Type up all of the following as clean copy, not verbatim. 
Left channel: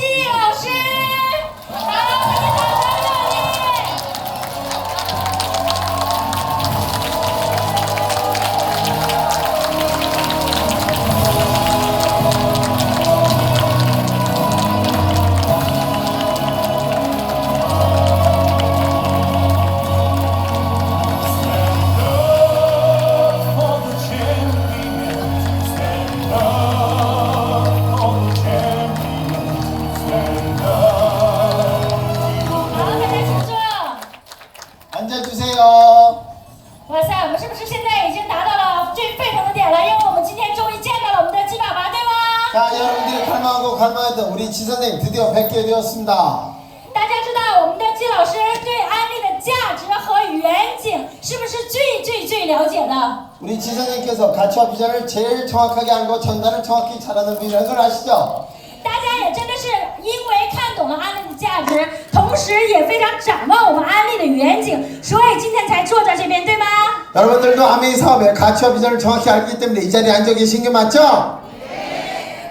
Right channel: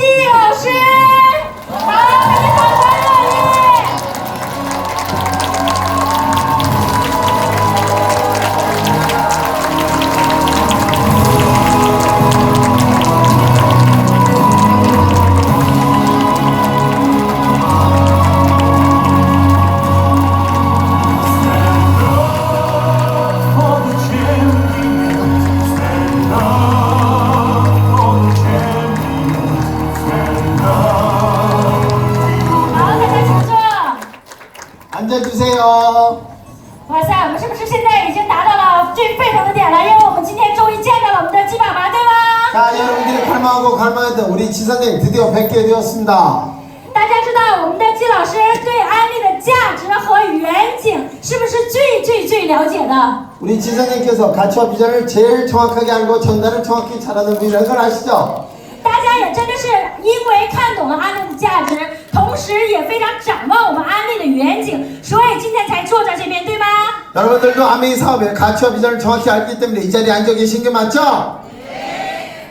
季老师。好，大家掌声热烈。앉아주세요. 哇塞，我们是不是现在已经达到了最沸腾的点了？因为我们今天终于见到了我们的鸡爸爸，对吗？ 자, 여러분들이 갈망하고 갈망했던 우리 지사님 드디어 뵙게 되었습니다. 大家知道我们的季老师对安利的价值和远景是不是最了解的？ 우리 지사님께서 가치와 비전을 제일 정확하게 알고 전달을 정확히 잘하는 분이라는 걸 아시죠? 大家也真的是因为看懂了安利的价值，同时也非常展望我们安利的远景，所以今天才坐在这边，对吗？ 여러분들도 아메이 사업의 가치와 비전을 정확히 알기 때문에 이 자리에 앉아 계신 게 맞죠?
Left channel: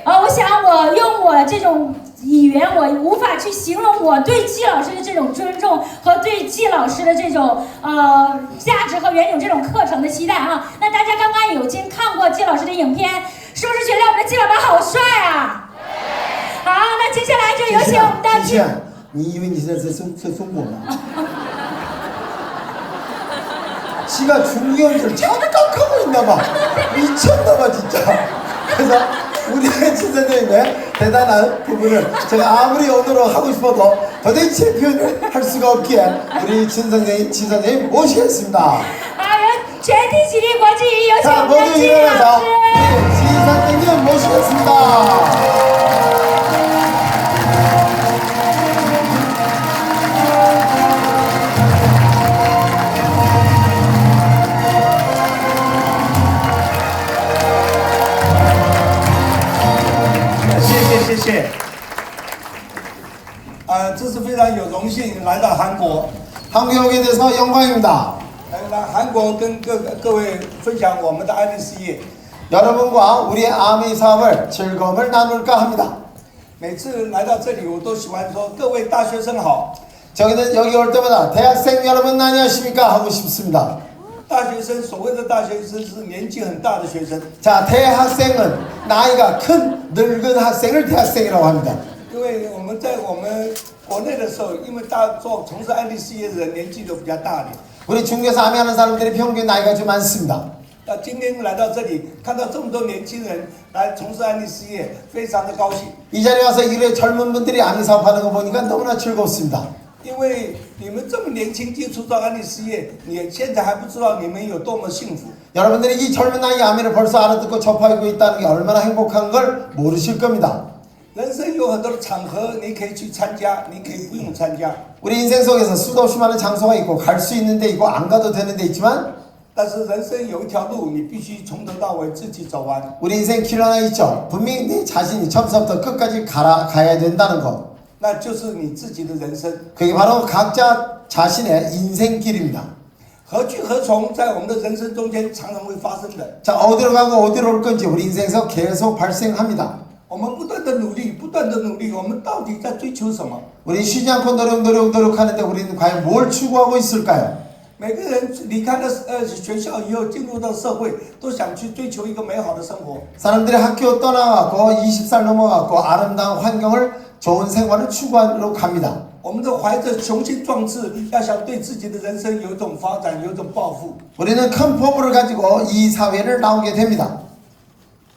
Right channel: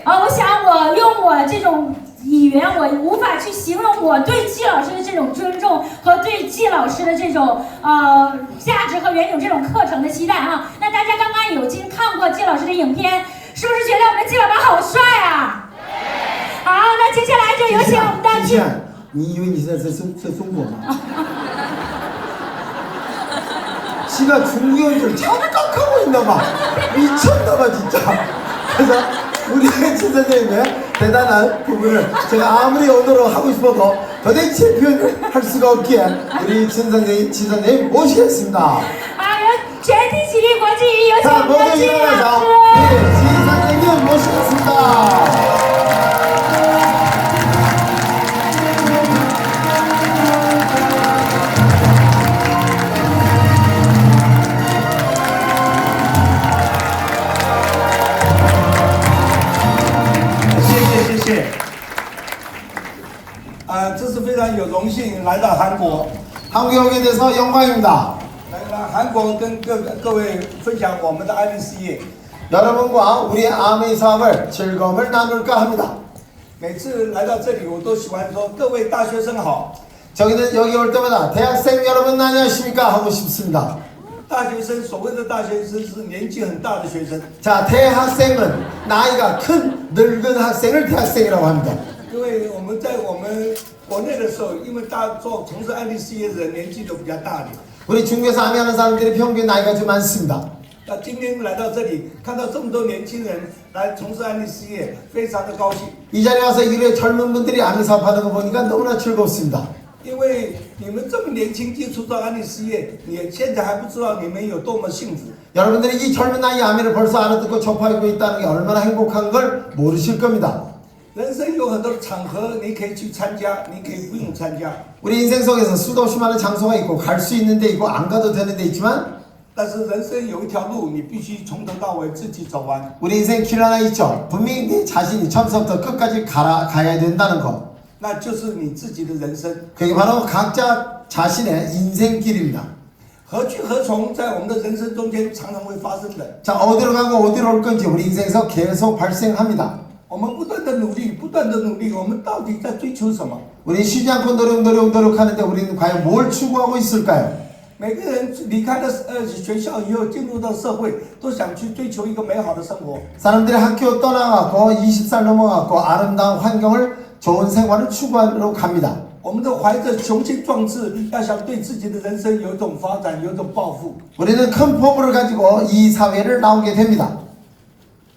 我想我用我这种语言，我无法去形容我对季老师的这种尊重和对季老师的这种价值和远景这种课程的期待啊。那大家刚刚有看过季老师的影片，是不是觉得我们的季爸爸好帅啊？好，那接下来就有请我们的季。你以为你现在在中国吗？ 지가 중요한 착각하고 있나봐. 미쳤나봐 진짜. 그래서 우리 지사님의 대단한 부분을 제가 아무리 언어로 하고 싶어도 도대체 표현을 할 수가 없기에 우리 지사님 모시겠습니다. 好，有全体起立，国际有请 자 我们的 모두 季老 일어나서 师。 우리 지사님 모시겠습니다. 아, 这是非常有荣幸来到韩国， 한국에 오게 돼서 영광입니다. 来韩国跟各位分享我们的安利事业。 여러분과 우리의 아메이 사업을 즐거움을 나눌까 합니다. 每次来到这里，我都喜欢说：“各位大学生好。 저희는 여기 올 때마다 대학생 여러분 안녕하십니까 하고 싶습니다. 大学生，所谓的大学生是年纪很大的学生， 자, 대학생은 나이가 큰 늙은 학생을 대학생이라고 합니다. 因为我们在我们国内的时候，因为从事安利事业的人年纪都比较大的。 우리 중국에서 아메하는 사람들이 평균 나이가 좀 많습니다. 那今天来到这里，看到这么多年轻人来从事安利事业，非常的高兴。 이 자리에 와서 이래 젊은 분들이 아메 사업하는 거 보니까 너무나 즐겁습니다. 因为你们这么年轻接触到安利事业，你现在还不知道你们有多么幸福。 여러분들이 이 젊은 나이에 아메를 벌써 알아듣고 접하고 있다는 게 얼마나 행복한 걸 모르실 겁니다. 人生有很多的场合，你可以去参加，你可以不用参加。 우리 인생 속에서 수도 없이 많은 장소가 있고 갈 수 있는 데 있고 안 가도 되는 데 있지만 但是人生有一条路，你必须从头到尾自己走完。 우리 인생 길 하나 있죠. 분명히 내 자신이 처음부터 끝까지 가야 된다는 거. 那就是你自己的人生。 그게 바로 각자 자신의 인생길입니다. 何去何从，在我们的人生中间常常会发生的。 자, 어디로 가고 어디로 올 건지 우리 인생에서 계속 발생합니다. 我们不断的努力，不断的努力，我们到底在追求什么？ 우리 쉬지 않고 노력하는데 우리는 과연 뭘 추구하고 있을까요? 每个人离开了学校以后，进入到社会，都想去追求一个美好的生活。 사람들이 학교 떠나갖고 20살 넘어갖고 아름다운 환경을 좋은 생활을 추구하러 갑니다. 我们都怀着雄心壮志，要想对自己的人生有一种发展，有一种抱负。 우리는 큰 포부를 가지고 이 사회를 나오게 됩니다.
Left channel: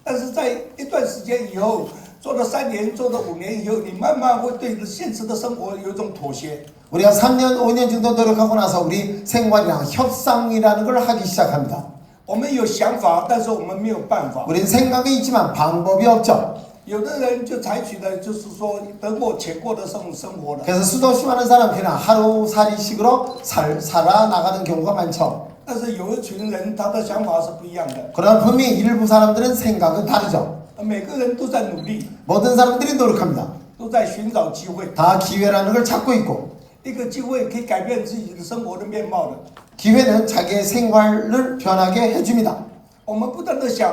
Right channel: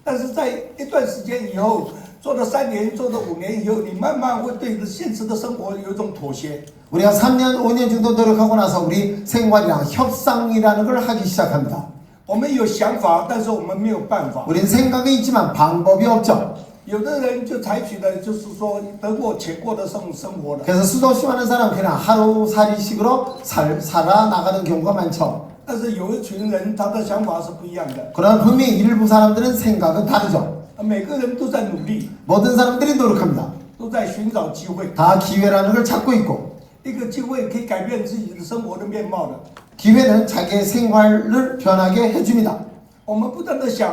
但是在一段时间以后，做了3年，做了5年以后，你慢慢会对现实的生活有一种妥协。 우리가 3년, 5년 정도 노력하고 나서 우리 생활이랑 협상이라는 걸 하기 시작합니다. 我们有想法，但是我们没有办法。 우린 생각이 있지만 방법이 없죠. 有的人就采取的就是说得过且过的生活了。 그래서 수도 없이 많은 사람 그냥 하루살이식으로 살아나가는 경우가 많죠. 但是有一群人，他的想法是不一样的。 그러나 분명히 일부 사람들은 생각은 다르죠. 每个人都在努力， 모든 사람들이 노력합니다. 都在寻找机会。 다 기회라는 걸 찾고 있고 一个机会可以改变自己的生活的面貌的。 기회는 자기의 생활을 변하게 해줍니다. 我们不断的想，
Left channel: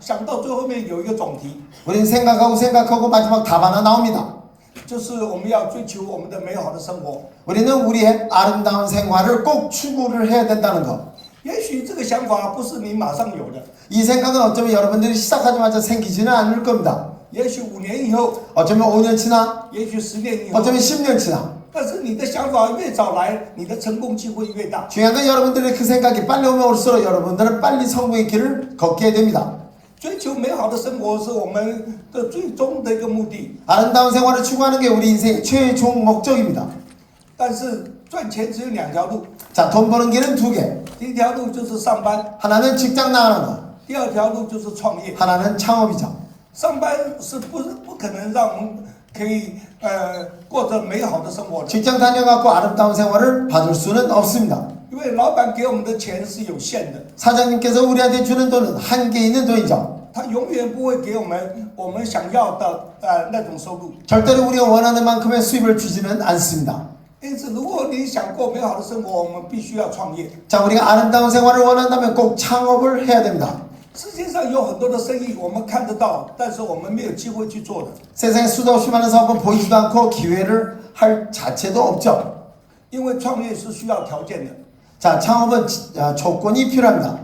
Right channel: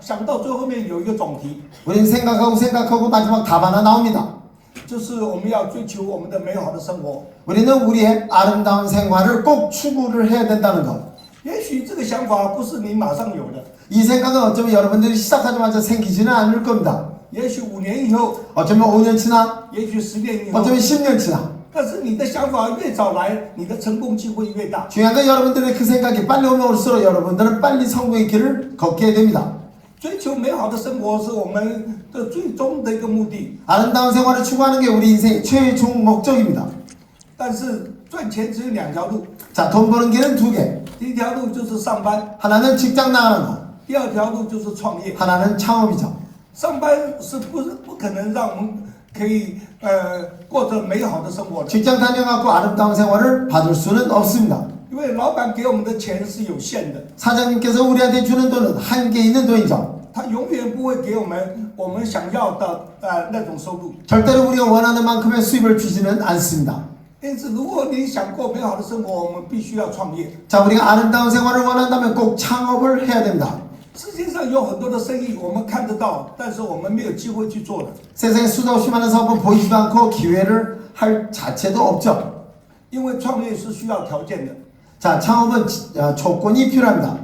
想到最后面有一个总题。 우린 생각하고 마지막 답 하나 나옵니다. 就是我们要追求我们的美好的生活。 우리는 우리의 아름다운 생활을 꼭 추구를 해야 된다는 것. 也许这个想法不是你马上有的， 이 생각은 어쩌면 여러분들이 시작하자마자 생기지는 않을 겁니다. 也许5年以后， 어쩌면 5년 지나, 也许10年以后， 어쩌면 10년 지나. 但是你的想法越早来，你的成功机会越大。 중요한 건 여러분들의 그 생각이 빨리 오면 올수록 여러분들은 빨리 성공의 길을 걷게 됩니다. 追求美好的生活是我们的最终的一个目的， 아름다운 생활을 추구하는 게 우리 인생의 최종 목적입니다. 但是赚钱只有2条路， 자, 돈 버는 길은 두 개. 第一条路就是上班， 하나는 직장 나가는 것, 第二条路就是创业。 하나는 창업이죠. 上班是不可能让我们可以过着美好的生活的， 직장 다녀갖고 아름다운 생활을 받을 수는 없습니다. 因为老板给我们的钱是有限的， 사장님께서 우리한테 주는 돈은 한계 있는 돈이죠. 他永远不会给我们想要的那种收入。 절대로 우리가 원하는 만큼의 수입을 주지는 않습니다. 因此，如果你想过美好的生活，我们必须要创业。 자, 우리가 아름다운 생활을 원한다면 꼭 창업을 해야 됩니다. 世界上有很多的生意我们看得到，但是我们没有机会去做的， 세상에 수도 없이 많은 사업은 보이지도 않고 기회를 할 자체도 없죠. 因为创业是需要条件的。 자, 창업은 조건이 필요합니다.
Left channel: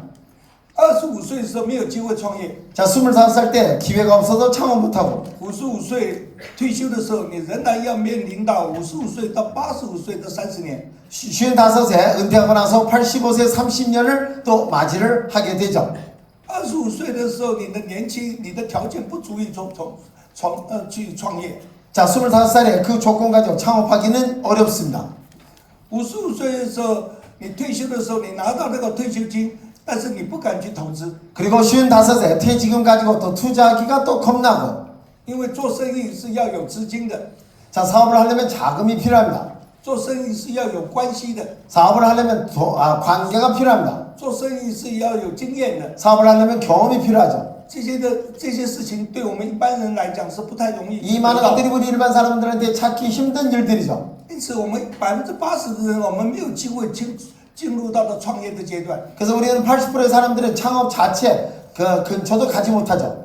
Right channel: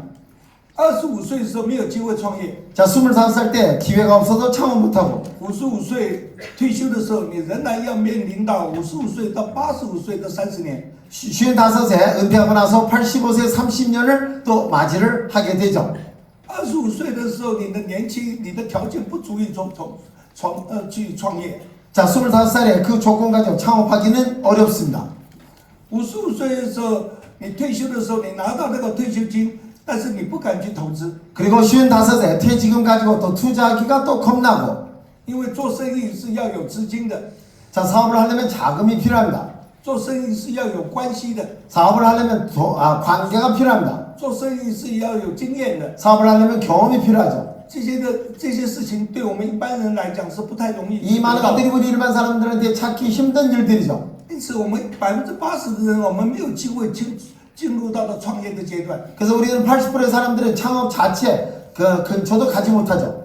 25岁的时候没有机会创业， 자, 25살 때 기회가 없어도 창업 못하고 55岁退休的时候，你仍然要面临到55岁到85岁的30年。 55세 은퇴하고 나서 85세 30년을 또 맞이를 하게 되죠. 25岁的时候，你的年轻，你的条件不足以去创业。 자, 25살에 그 조건 가지고 창업하기는 어렵습니다. 55岁的时候，你退休的时候，你拿到那个退休金，但是你不敢去投资， 그리고 55세 퇴직금 가지고 또 투자하기가 또 겁나고. 因为做生意是要有资金的， 자, 사업을 하려면 자금이 필요합니다. 做生意是要有关系的， 사업을 하려면 관계가 필요합니다. 做生意是要有经验的。 사업을 하려면 경험이 필요하죠. 这些事情对我们一般人来讲是不太容易 이 得 많은 到的。 것들이 우리 일반 사람들한테 찾기 힘든 일들이죠. 因此，我们80%的人，我们没有机会进入到了创业的阶段。 그래서 우리는 80%의 사람들은 창업 자체 그 근처도 가지 못하죠.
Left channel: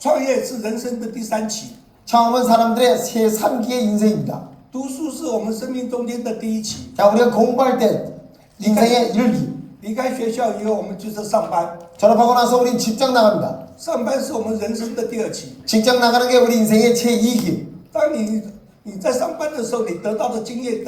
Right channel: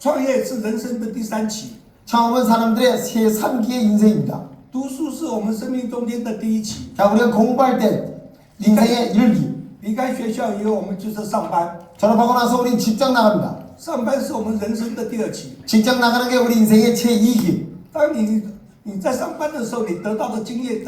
创业是人生的第3期， 창업은 사람들의 새 3기의 인생입니다. 读书是我们生命中间的第1期。 자, 우리가 공부할 때 인생의 1기. 离开学校以后，我们就是上班。 졸업하고 나서 우린 직장 나갑니다. 上班是我们人生的第2期。 직장 나가는 게 우리 인생의 제2기. 当你在上班的时候，你得到的经验、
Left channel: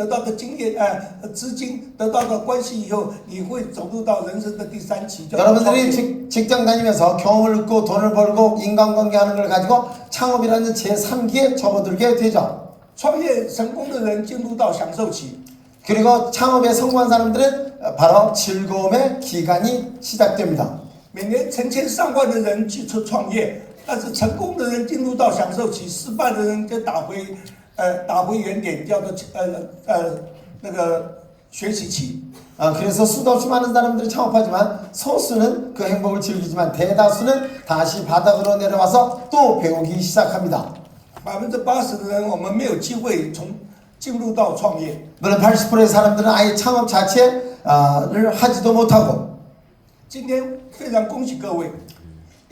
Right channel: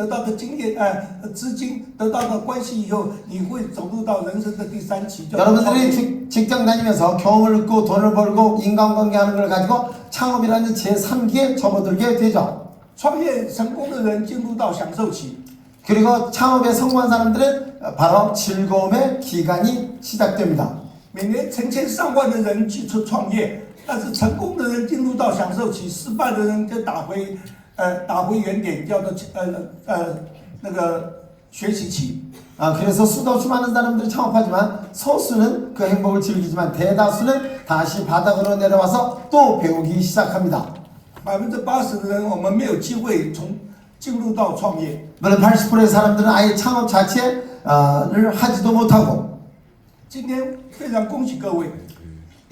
资金、得到的关系以后，你会走入到人生的第3期。 여러분들이 직장 다니면서 경험을 얻고 돈을 벌고 인간관계 하는 걸 가지고 창업이라는 제3기에 접어들게 되죠. 创业成功的人进入到享受期， 그리고 창업에 성공한 사람들은 바로 즐거움의 기간이 시작됩니다. 每年成千上万的人去创业，但是成功的人进入到享受期，失败的人就打回原点，叫做那个学习期。 그래서 수도 없이 많은 사람들이 창업하지만 소수는 그 행복을 즐기지만 대다수는 다시 바닥으로 내려와서 또 배우기 시작합니다. 80%的人我们没有机会进入到创业。 물론 80%의 사람들은 아예 창업 자체를 하지도 못하고 今天非常恭喜各位，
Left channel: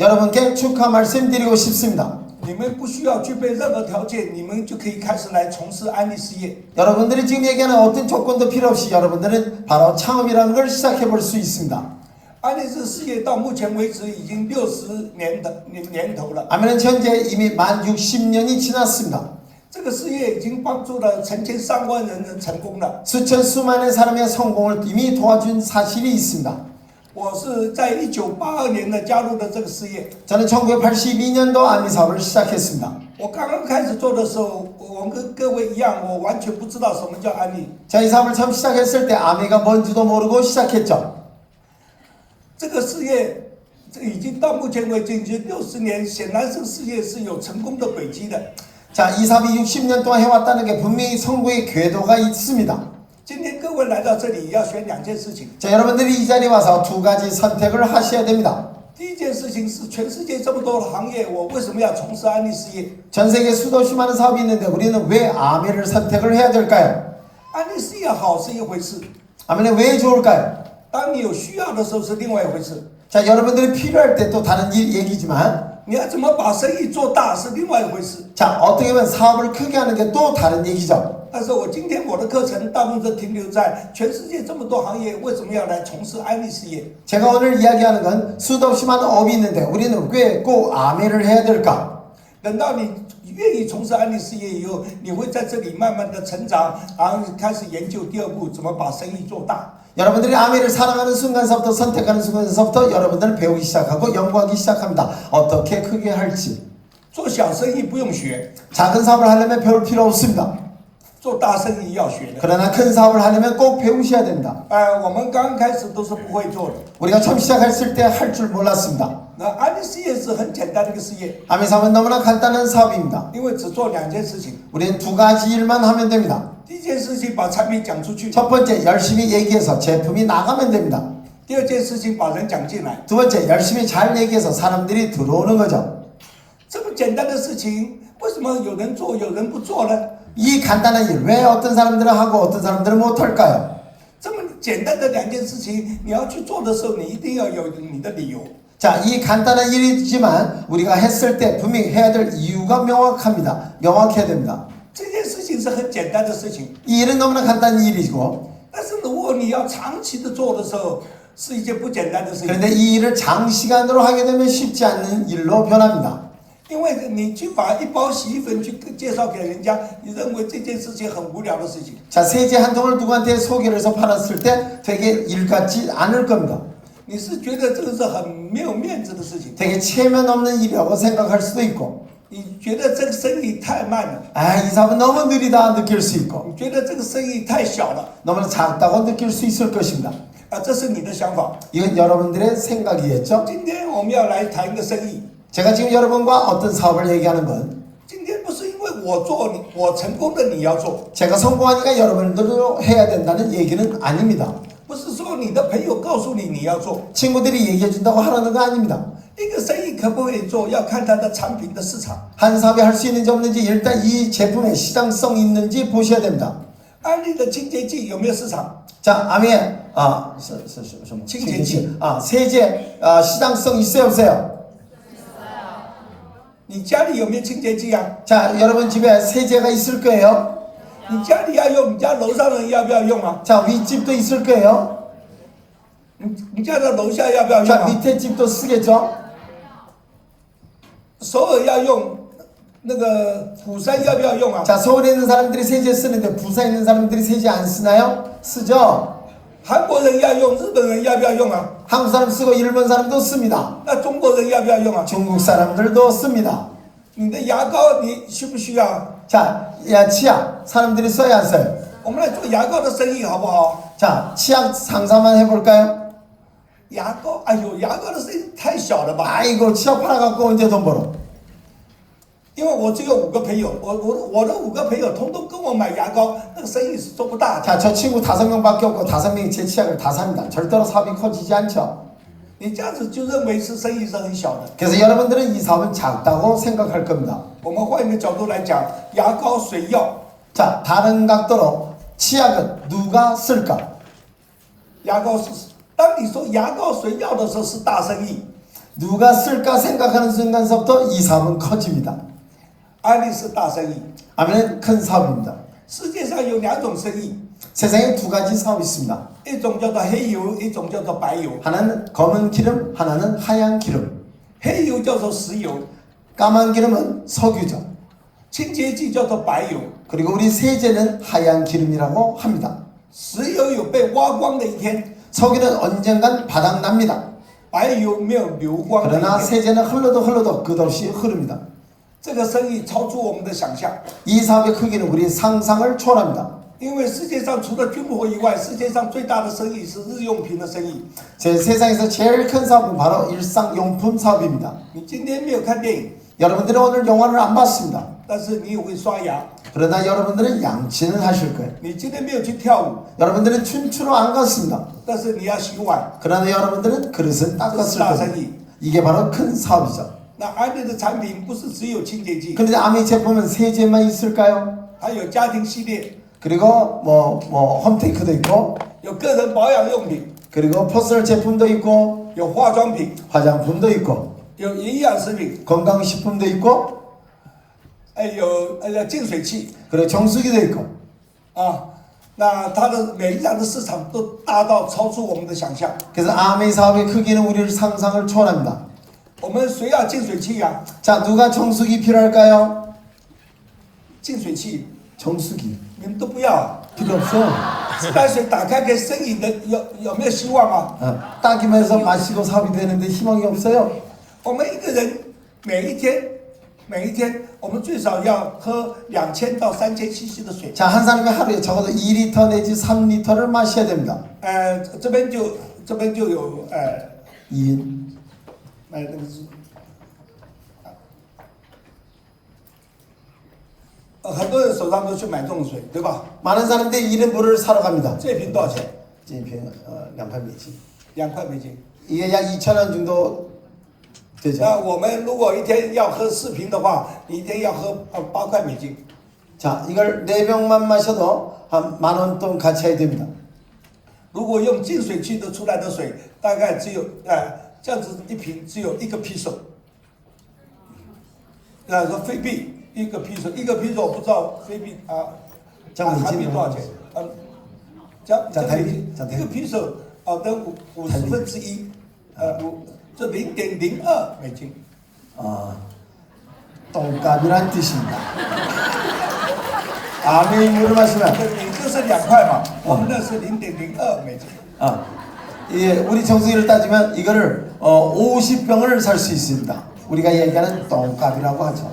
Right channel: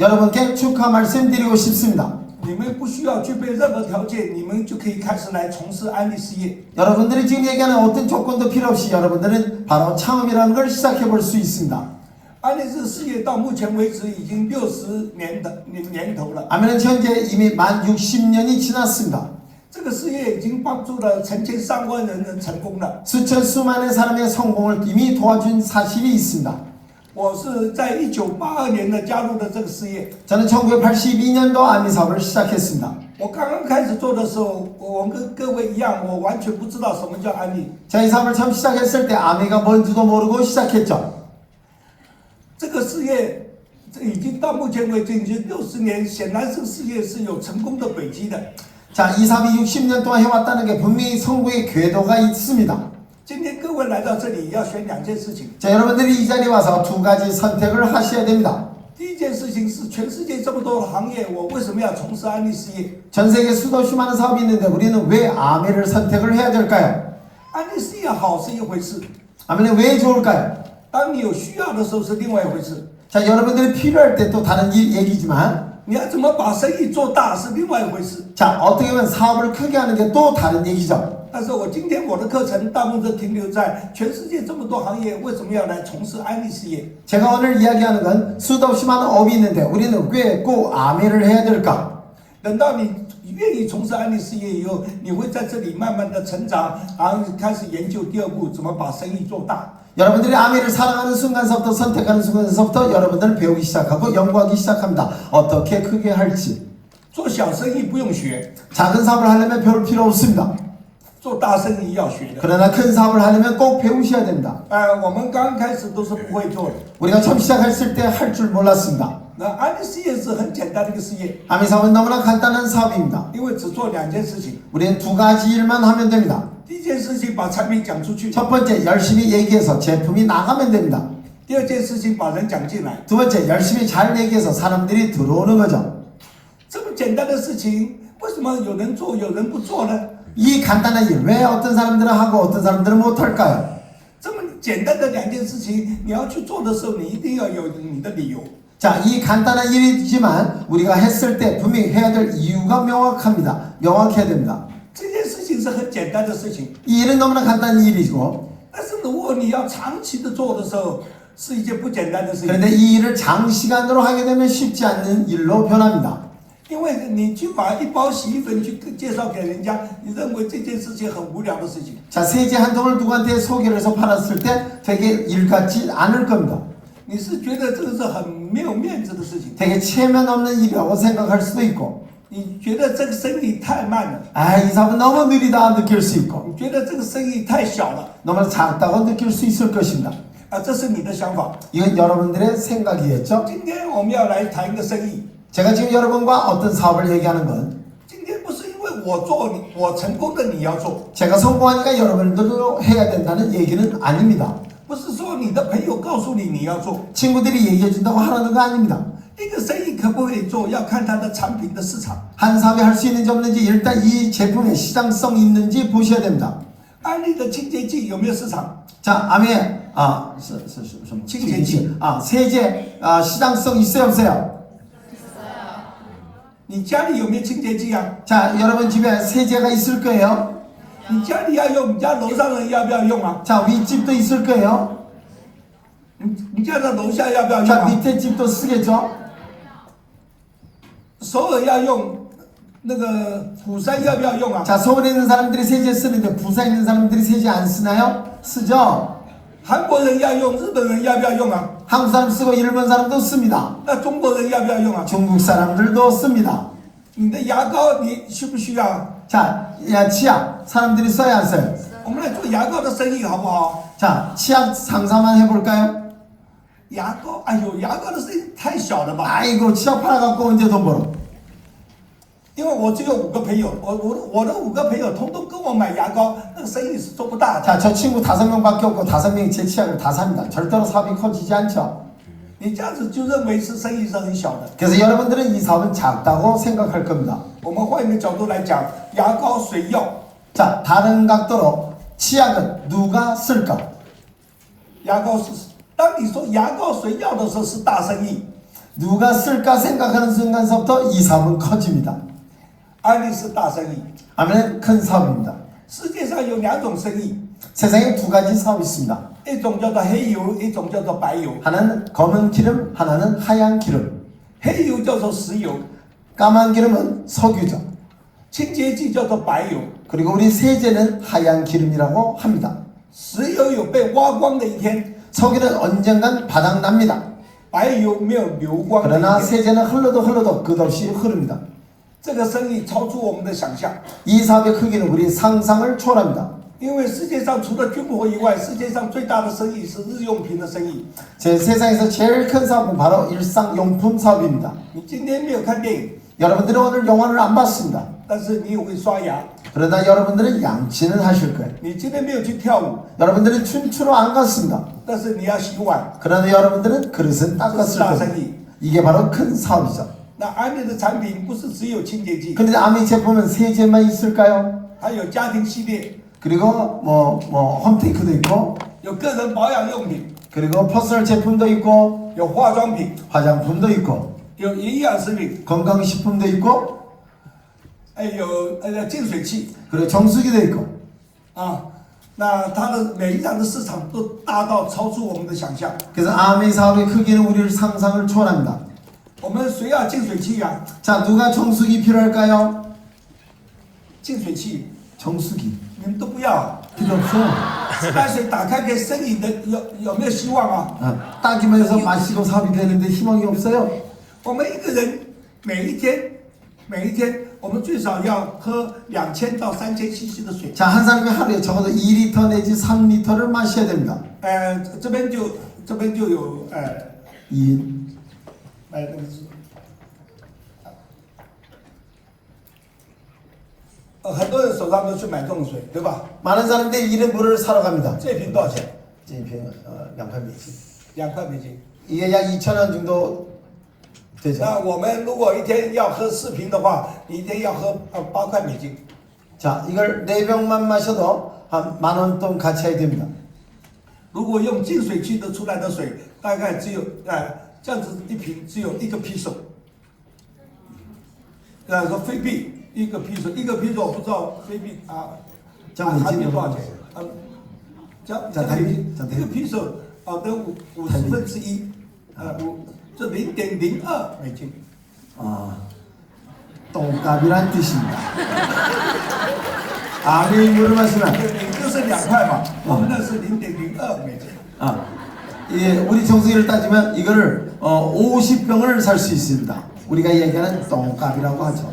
여러분께 축하 말씀드리고 싶습니다. 你们不需要具备任何条件，你们就可以开始来从事安利事业。 여러분들이 지금 얘기하는 어떤 조건도 필요 없이 여러분들은 바로 창업이라는 걸 시작해 볼 수 있습니다. 安利这事业到目前为止已经60年头了。 아멘은 현재 이미 만 60년이 지났습니다. 这个事业已经帮助了成千上万人的成功了。 수천 수만의 사람의 성공을 이미 도와준 사실이 있습니다. 我是在1982年的加入的这个事业。 저는 1982년도 아미 사업을 시작했습니다. 我刚刚开始做的时候，我跟各位一样，我完全不知道什么叫安利。 자, 이 사업을 처음 시작했을 때 아미가 뭔지도 모르고 시작했죠. 这个事业已经到目前为止已经60年，显然这个事业是有成功的轨迹的。 자, 이 사업이 60년 동안 해왔다는 게 분명히 성공의 궤도가 있습니다. 今天各位来到这里，要选2件事情。 자, 여러분들이 이 자리에 와서 두 가지 선택을 하셔야 됩니다. 第一件事情是，全世界这么多的行业，我为什么要从事安利事业？ 전 세계 수도 없이 많은 사업이 있는데 우리는 왜 아미를 선택을 해야 될까요? 安利事业好是一回事， 아미는 왜 좋을까요? 当你有需要的时候是另外一回事。 자, 여러분들이 필요할 때 또 다른 얘기지만 你要怎么把生意做大是另外一回事。 자, 어떻게 보면 사업을 크게 하는 게 또 다른 얘기죠. 但是我今天我的课程大部分都停留在全世界这么多行业为什么要来从事安利事业？ 제가 오늘 이야기하는 건 수도 없이 많은 업이 있는데 우리는 왜 꼭 아멘을 해야 될까? 等到你愿意从事安利事业以后，你会在这里慢慢的成长，然后开始研究第二步怎么把生意做大。 여러분들이 아멘을 사랑하는 순간서부터 선택하는 순간서부터 여러분들은 배우기 시작하고 연구하기 시작합니다. 어떻게 크게 할지. 做小生意不用学， 작은 사업을 하려면 배울 필요 없습니다. 做大生意要学的。 그러나 큰 사업을 하려면 꼭 배우셔야 됩니다. 我们刚开始都是不会做的。 우리가 처음 시작했을 때 할 줄 몰랐습니다. 那安利事业是很简单的一个事业， 아멘 사업은 너무나 간단한 사업입니다. 因为只做2件事情。 우리는 2가지 일만 하면 됩니다. 第一件事情把产品讲出去， 첫 번째, 열심히 얘기해서 제품이 나가면 됩니다. 第二件事情把人讲进来。 두 번째, 열심히 잘 얘기해서 사람들이 들어오는 거죠. 这么简单的事情，为什么有人做有人不做呢？ 이 간단한 일, 왜 어떤 사람들은 하고 어떤 사람들은 못할까요? 这么简单的2件事情，你要去做的时候，你一定要有你的理由。 자, 이 간단한 일이지만 우리가 했을 때 분명히 해야 될 이유가 명확합니다. 명확해야 됩니다. 这件事情是很简单的事情， 이 일은 너무나 간단한 일이고 但是如果你要长期的做的时候，是一件不简单的事情。 그런데 이 일을 장시간으로 하게 되면 쉽지 않은 일로 변합니다. 因为你去把一包洗衣粉去介绍给人家，你认为这件事情很无聊的事情。 자, 세제 한 통을 누구한테 소개를 해서 팔았을 때 되게 일 같지 않을 겁니다. 你是觉得这个是很没有面子的事情， 되게 체면 없는 일이라고 생각할 수도 있고 你觉得这个生意太慢了， 아, 이 사업은 너무 느리다 느낄 수 있고 你觉得这个生意太小了， 너무 작다고 느낄 수 있을 것입니다. 这是你的想法。 이건 여러분들의 생각이겠죠? 今天我们要来谈一个生意， 제가 지금 여러분과 어떤 사업을 얘기하는 건 今天不是因为我成功的你要做， 제가 성공하니까 여러분들도 해야 된다는 얘기는 아닙니다. 不是说你的朋友告诉你你要做。 친구들이 얘기해 준다고 하라는 거 아닙니다. 一个生意可不可以做，要看它的产品的市场。 한 사업이 할 수 있는지 없는지 일단 이 제품의 시장성이 있는지 보셔야 됩니다. 安利的清洁剂有没有市场？ 자, 아멘.清洁剂. 세제 시장성 있어요 없어요? 你家里有没有清洁剂啊？ 자, 여러분 집에 세제가 있을 거예요. 你家里要用，你家楼上人要不要用啊？ 자, 윗집도 있을 거예요. 你家的楼下要不要用 자, 啊？ 밑에 집도 쓰겠죠. 首尔要用，那个釜山要不要用啊？ 자, 서울에 있는 사람들이 세제 쓰는데 부산에 있는 사람들이 세제 안 쓰나요? 쓰죠. 韩国人要用，日本人要不要用啊？ 한국 사람 쓰고 일본 사람도 씁니다. 那中国人要不要用啊？ 중국 사람들도 씁니다. 你的牙膏你需不需要？ 자, 야, 치약 사람들이 써야 안 써요? 我们来做牙膏的生意好不好？ 자, 치약 상사만 해볼까요? 牙膏，哎呦，牙膏的生意太小了吧？ 아이고, 치약 팔아갖고 언제 돈 벌어? 因为我只有5个朋友，我的5个朋友通通跟我买牙膏，那个生意是做不大的。 자, 저 친구 5명밖에 없고 5명이 제 치약을 다 삽니다. 절대로 사업이 커지지 않죠. 你这样子就认为是生意是很小的。 그래서 여러분들은 이 사업은 작다고 생각할 겁니다. 我们换一个角度来讲，牙膏、水药， 자, 다른 각도로 치약은 누가 쓸까? 牙膏是，当你说牙膏、水药的时候是大生意， 누가 쓸까 생각하는 순간서부터 이 사업은 커집니다. 安利是大生意。 아멘, 큰 사업입니다. 世界上有2种生意， 세상에 2가지 사업이 있습니다. 一种叫做黑油，一种叫做白油。 하나는 검은 기름, 하나는 하얀 기름. 黑油叫做石油， 까만 기름은 석유죠. 清洁剂叫做白油。 그리고 우리 세제는 하얀 기름이라고 합니다. 石油有被挖光的一天， 석유는 언젠간 바닥납니다. 白油没有流光的 그러나 一天。 세제는 흘러도 끝없이 흐릅니다. 这个生意超出我们的想象， 이 사업의 크기는 우리 상상을 초월합니다. 因为世界上除了军火以外，世界上最大的生意是日用品的生意。 제 세상에서 제일 큰 사업은 바로 일상용품 사업입니다. 你今天没有看电影， 여러분들은 오늘 영화를 안 봤습니다. 但是你也会刷牙； 그러나 여러분들은 양치는 하실 거예요. 你今天没有去跳舞， 여러분들은 춘추로 안 갔습니다. 但是你要洗碗。 그러나 여러분들은 그릇은 닦았을 거예요. 이게 바로 큰 사업이죠. 那安利的产品不是只有清洁剂， 그런데 아미 제품은 세제만 있을까요? 还有家庭系列， 그리고 홈테이크도 있고 有个人保养用品， 그리고 퍼스널 제품도 있고 有化妆品， 화장품도 있고 有营养食品， 건강식품도 있고 有净水器 그리고 정수기도 있고 啊。那它的每一样的市场都大到超出我们的想象。 그래서 아메 사업의 크기는 우리를 상상을 초월합니다. 我们谁要净水器啊？ 자, 누가 정수기 필요할까요? 净水器 정수기 你们都不要。 필요 없어. 自来水打开可以生饮的，有没有希望啊？ 아, 따기만 해서 마시고 사업이 되는데 희망이 없어요. 我们一个人每一天，我们最少要喝2000到3000cc 的水。 자, 한 사람이 하루에 적어도 2리터 내지 3리터를 마셔야 됩니다. 这边就有 2인. 那个是，很多人手上都去买这种水，对吧？ 많은 사람들이 이런 물을 사러 갑니다. 这瓶多少钱？ 이瓶 2,000매지. 2块美金。 이게 약 2,000원 정도 되죠. 那我们如果一天要喝4瓶的话，你一天要喝8块美金。 자, 이걸 4병만 마셔도 한 10,000원 돈 가치가 됩니다. 如果用净水器的出来的水，大概只有这样子一瓶只有1个披手，说菲币1个披手，1个披手我不知道菲币啊，这样美金韩币多少钱？这样一个披手的1/50，这0.02美金。 아, 똥값이란 뜻입니다. 아메이 물을 마시면 你这是2块嘛，我们那是0.02美金。 아, 예, 우리 정수기를 따지면 이거를 50병을 살 수 있습니다. 우리가 얘기하는 똥값이라고 하죠.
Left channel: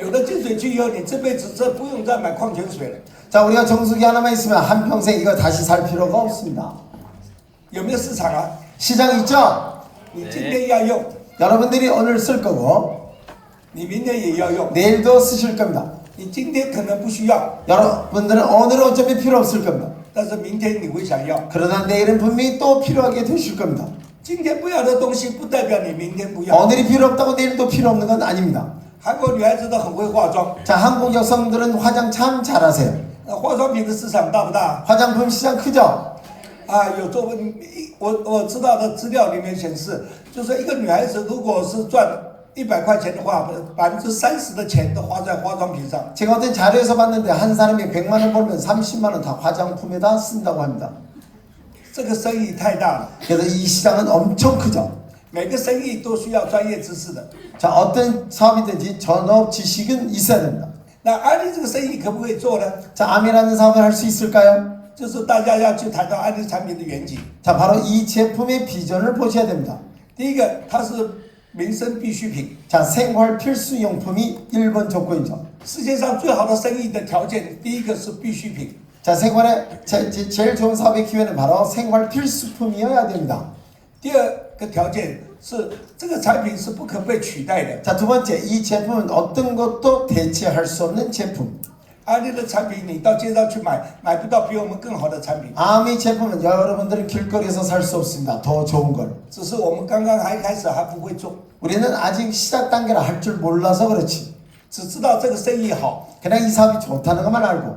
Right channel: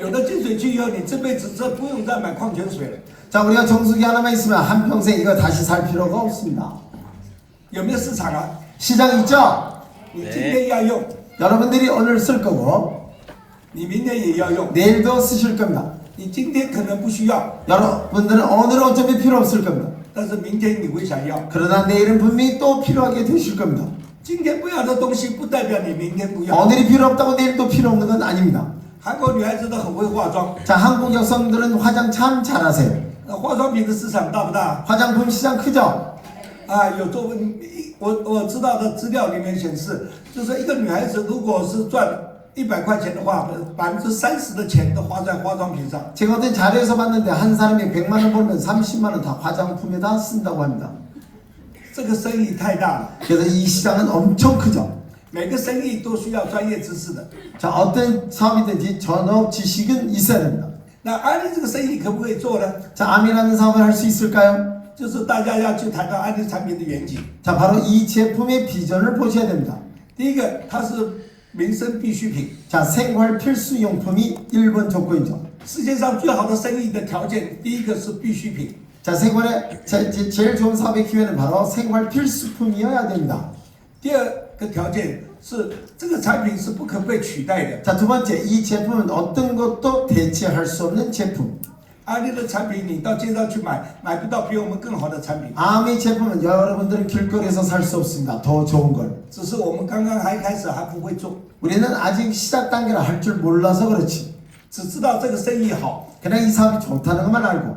有了净水器以后，你这辈子不用再买矿泉水了。 자, 우리가 정수기 하나만 있으면 한평생 이거 다시 살 필요가 없습니다. 有没有市场啊？ 시장 있죠? 你今天要用， 여러분들이 오늘 쓸 거고 你明天也要用。 내일도 쓰실 겁니다. 你今天可能不需要， 여러분들은 오늘은 어차피 필요 없을 겁니다. 但是明天你会想要。 그러나 내일은 분명히 또 필요하게 되실 겁니다. 今天不要的东西，不代表你明天不要。 오늘이 필요 없다고 내일 또 필요 없는 건 아닙니다. 韩国女孩子都很会化妆， 자, 한국 여성들은 화장 참 잘하세요. 化妆品的市场大不大？ 화장품 시장 크죠? 有做我知道的资料里面显示，就是一个女孩子如果是赚100块钱的话，30%的钱都花在化妆品上。 제가 어떤 자료에서 봤는데 한 사람이 100만 원 벌면 30만 원 다 화장품에다 쓴다고 합니다. 这个生意太大了， 그래서 이 시장은 엄청 크죠. 每个生意都需要专业知识的。 자, 어떤 사업이든지 전업 지식은 있어야 됩니다. 那安利这个生意可不可以做呢？ 자, 암이라는 사업을 할 수 있을까요? 就是大家要去谈到安利产品的远景。 자, 바로 이 제품의 비전을 보셔야 됩니다. 第一个，它是民生必需品。 자, 생활 필수용품이 1번 조건이죠. 世界上最好的生意的条件，第一个是必需品。 자, 생활에 제일 좋은 사업의 기회는 바로 생활 필수품이어야 됩니다. 第二个条件是这个产品是不可被取代的。 자, 두 번째, 이 제품은 어떤 것도 대체할 수 없는 제품. 安利的产品你到街上去买，买不到比我们更好的产品。 암의 제품은 여러분들은 길거리에서 살 수 없습니다. 더 좋은 걸. 只是我们刚刚还开始还不会做， 우리는 아직 시작 단계라 할 줄 몰라서 그렇지. 只知道这个生意好， 그냥 이 사업이 좋다는 것만 알고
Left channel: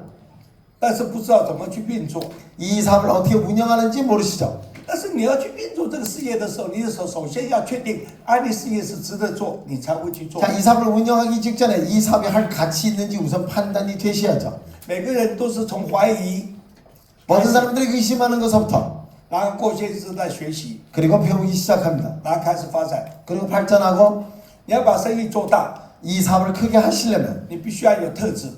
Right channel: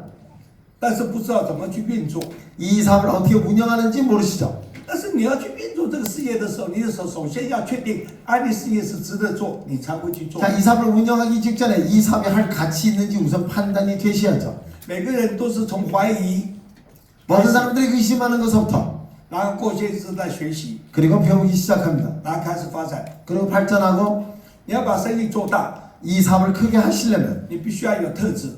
但是不知道怎么去运作。 이 사업을 어떻게 운영하는지 모르시죠. 但是你要去运作这个事业的时候，你首先要确定安利事业是值得做，你才会去做。 자, 이 사업을 운영하기 직전에 이 사업이 할 가치 있는지 우선 판단이 되셔야죠. 每个人都是从怀疑， 모든 사람들이 의심하는 것부터 然后过些日子在学习， 그리고 배우기 시작합니다. 然后开始发展。 그리고 발전하고 你要把生意做大， 이 사업을 크게 하시려면 你必须要有特质，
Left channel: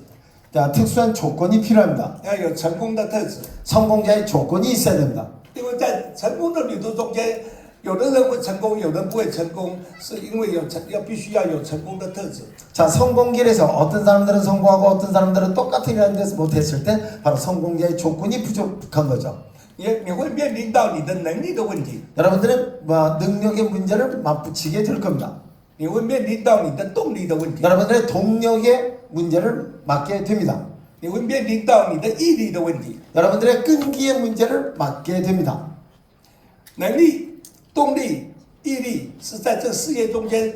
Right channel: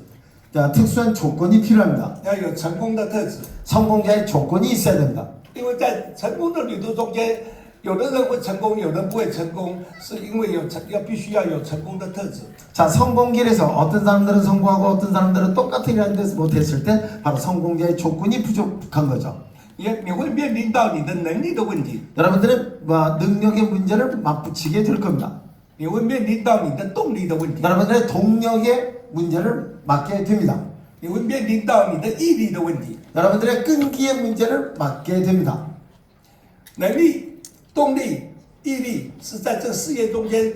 자, 특수한 조건이 필요합니다. 要有成功的特质。 성공자의 조건이 있어야 됩니다. 因为在成功的旅途中间，有的人会成功，有人不会成功，是因为必须要有成功的特质。 자, 성공길에서 어떤 사람들은 성공하고 어떤 사람들은 똑같은 일하는 데서 못했을 때 바로 성공자의 조건이 부족한 거죠. 你会面临到你的能力的问题， 여러분들은 능력의 문제를 맞붙이게 될 겁니다. 你会面临到你的动力的问题， 여러분들의 동력의 문제를 맞게 됩니다. 你会面临到你的毅力的问题。 여러분들의 끈기의 문제를 맞게 됩니다. 能力、动力、毅力是在这事业中间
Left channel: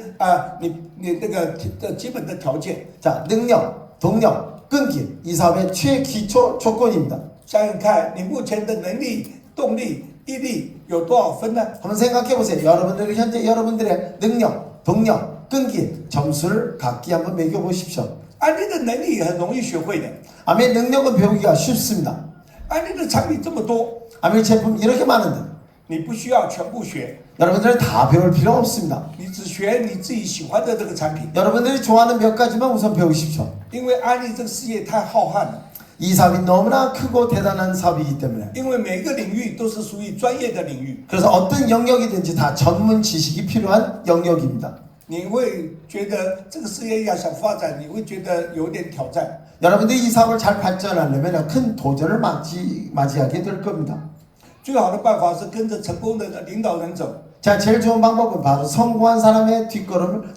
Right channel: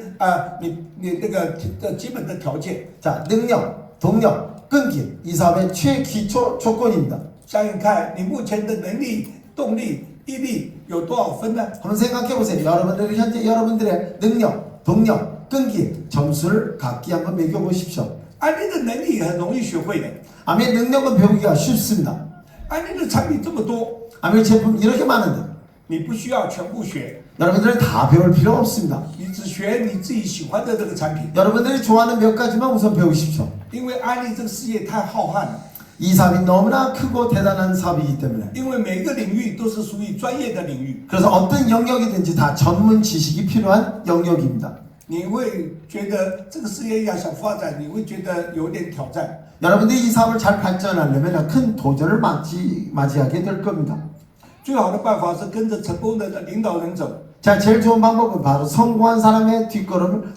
你这个基本的条件。 자, 능력, 동력, 끈기 이 사업의 최기초 조건입니다. 想想看，你目前的能力、动力、毅力有多少分呢？ 한번 생각해 보세요. 여러분들의 현재 여러분들의 능력, 동력, 끈기, 점수를 각기 한번 매겨보십시오. 安利的能力很容易学会的， 아멘 능력은 배우기가 쉽습니다. 安利的产品这么多， 아멘 제품 이렇게 많은데 你不需要全部学， 여러분들은 다 배울 필요 없습니다. 你只学你自己喜欢的这个产品。 여러분들이 좋아하는 몇 가지만 우선 배우십시오. 因为安利这个事业太浩瀚了， 이 사업이 너무나 크고 대단한 사업이기 때문에 因为每个领域都是属于专业的领域， 그래서 어떤 영역이든지 다 전문 지식이 필요한 영역입니다. 你会觉得这个事业要想发展，你会觉得有点挑战。 여러분들이 이 사업을 잘 발전하려면 큰 도전을 맞이하게 될 겁니다. 最好的办法是跟着成功的领导人走， 자, 제일 좋은 방법은 바로 성공한 사람의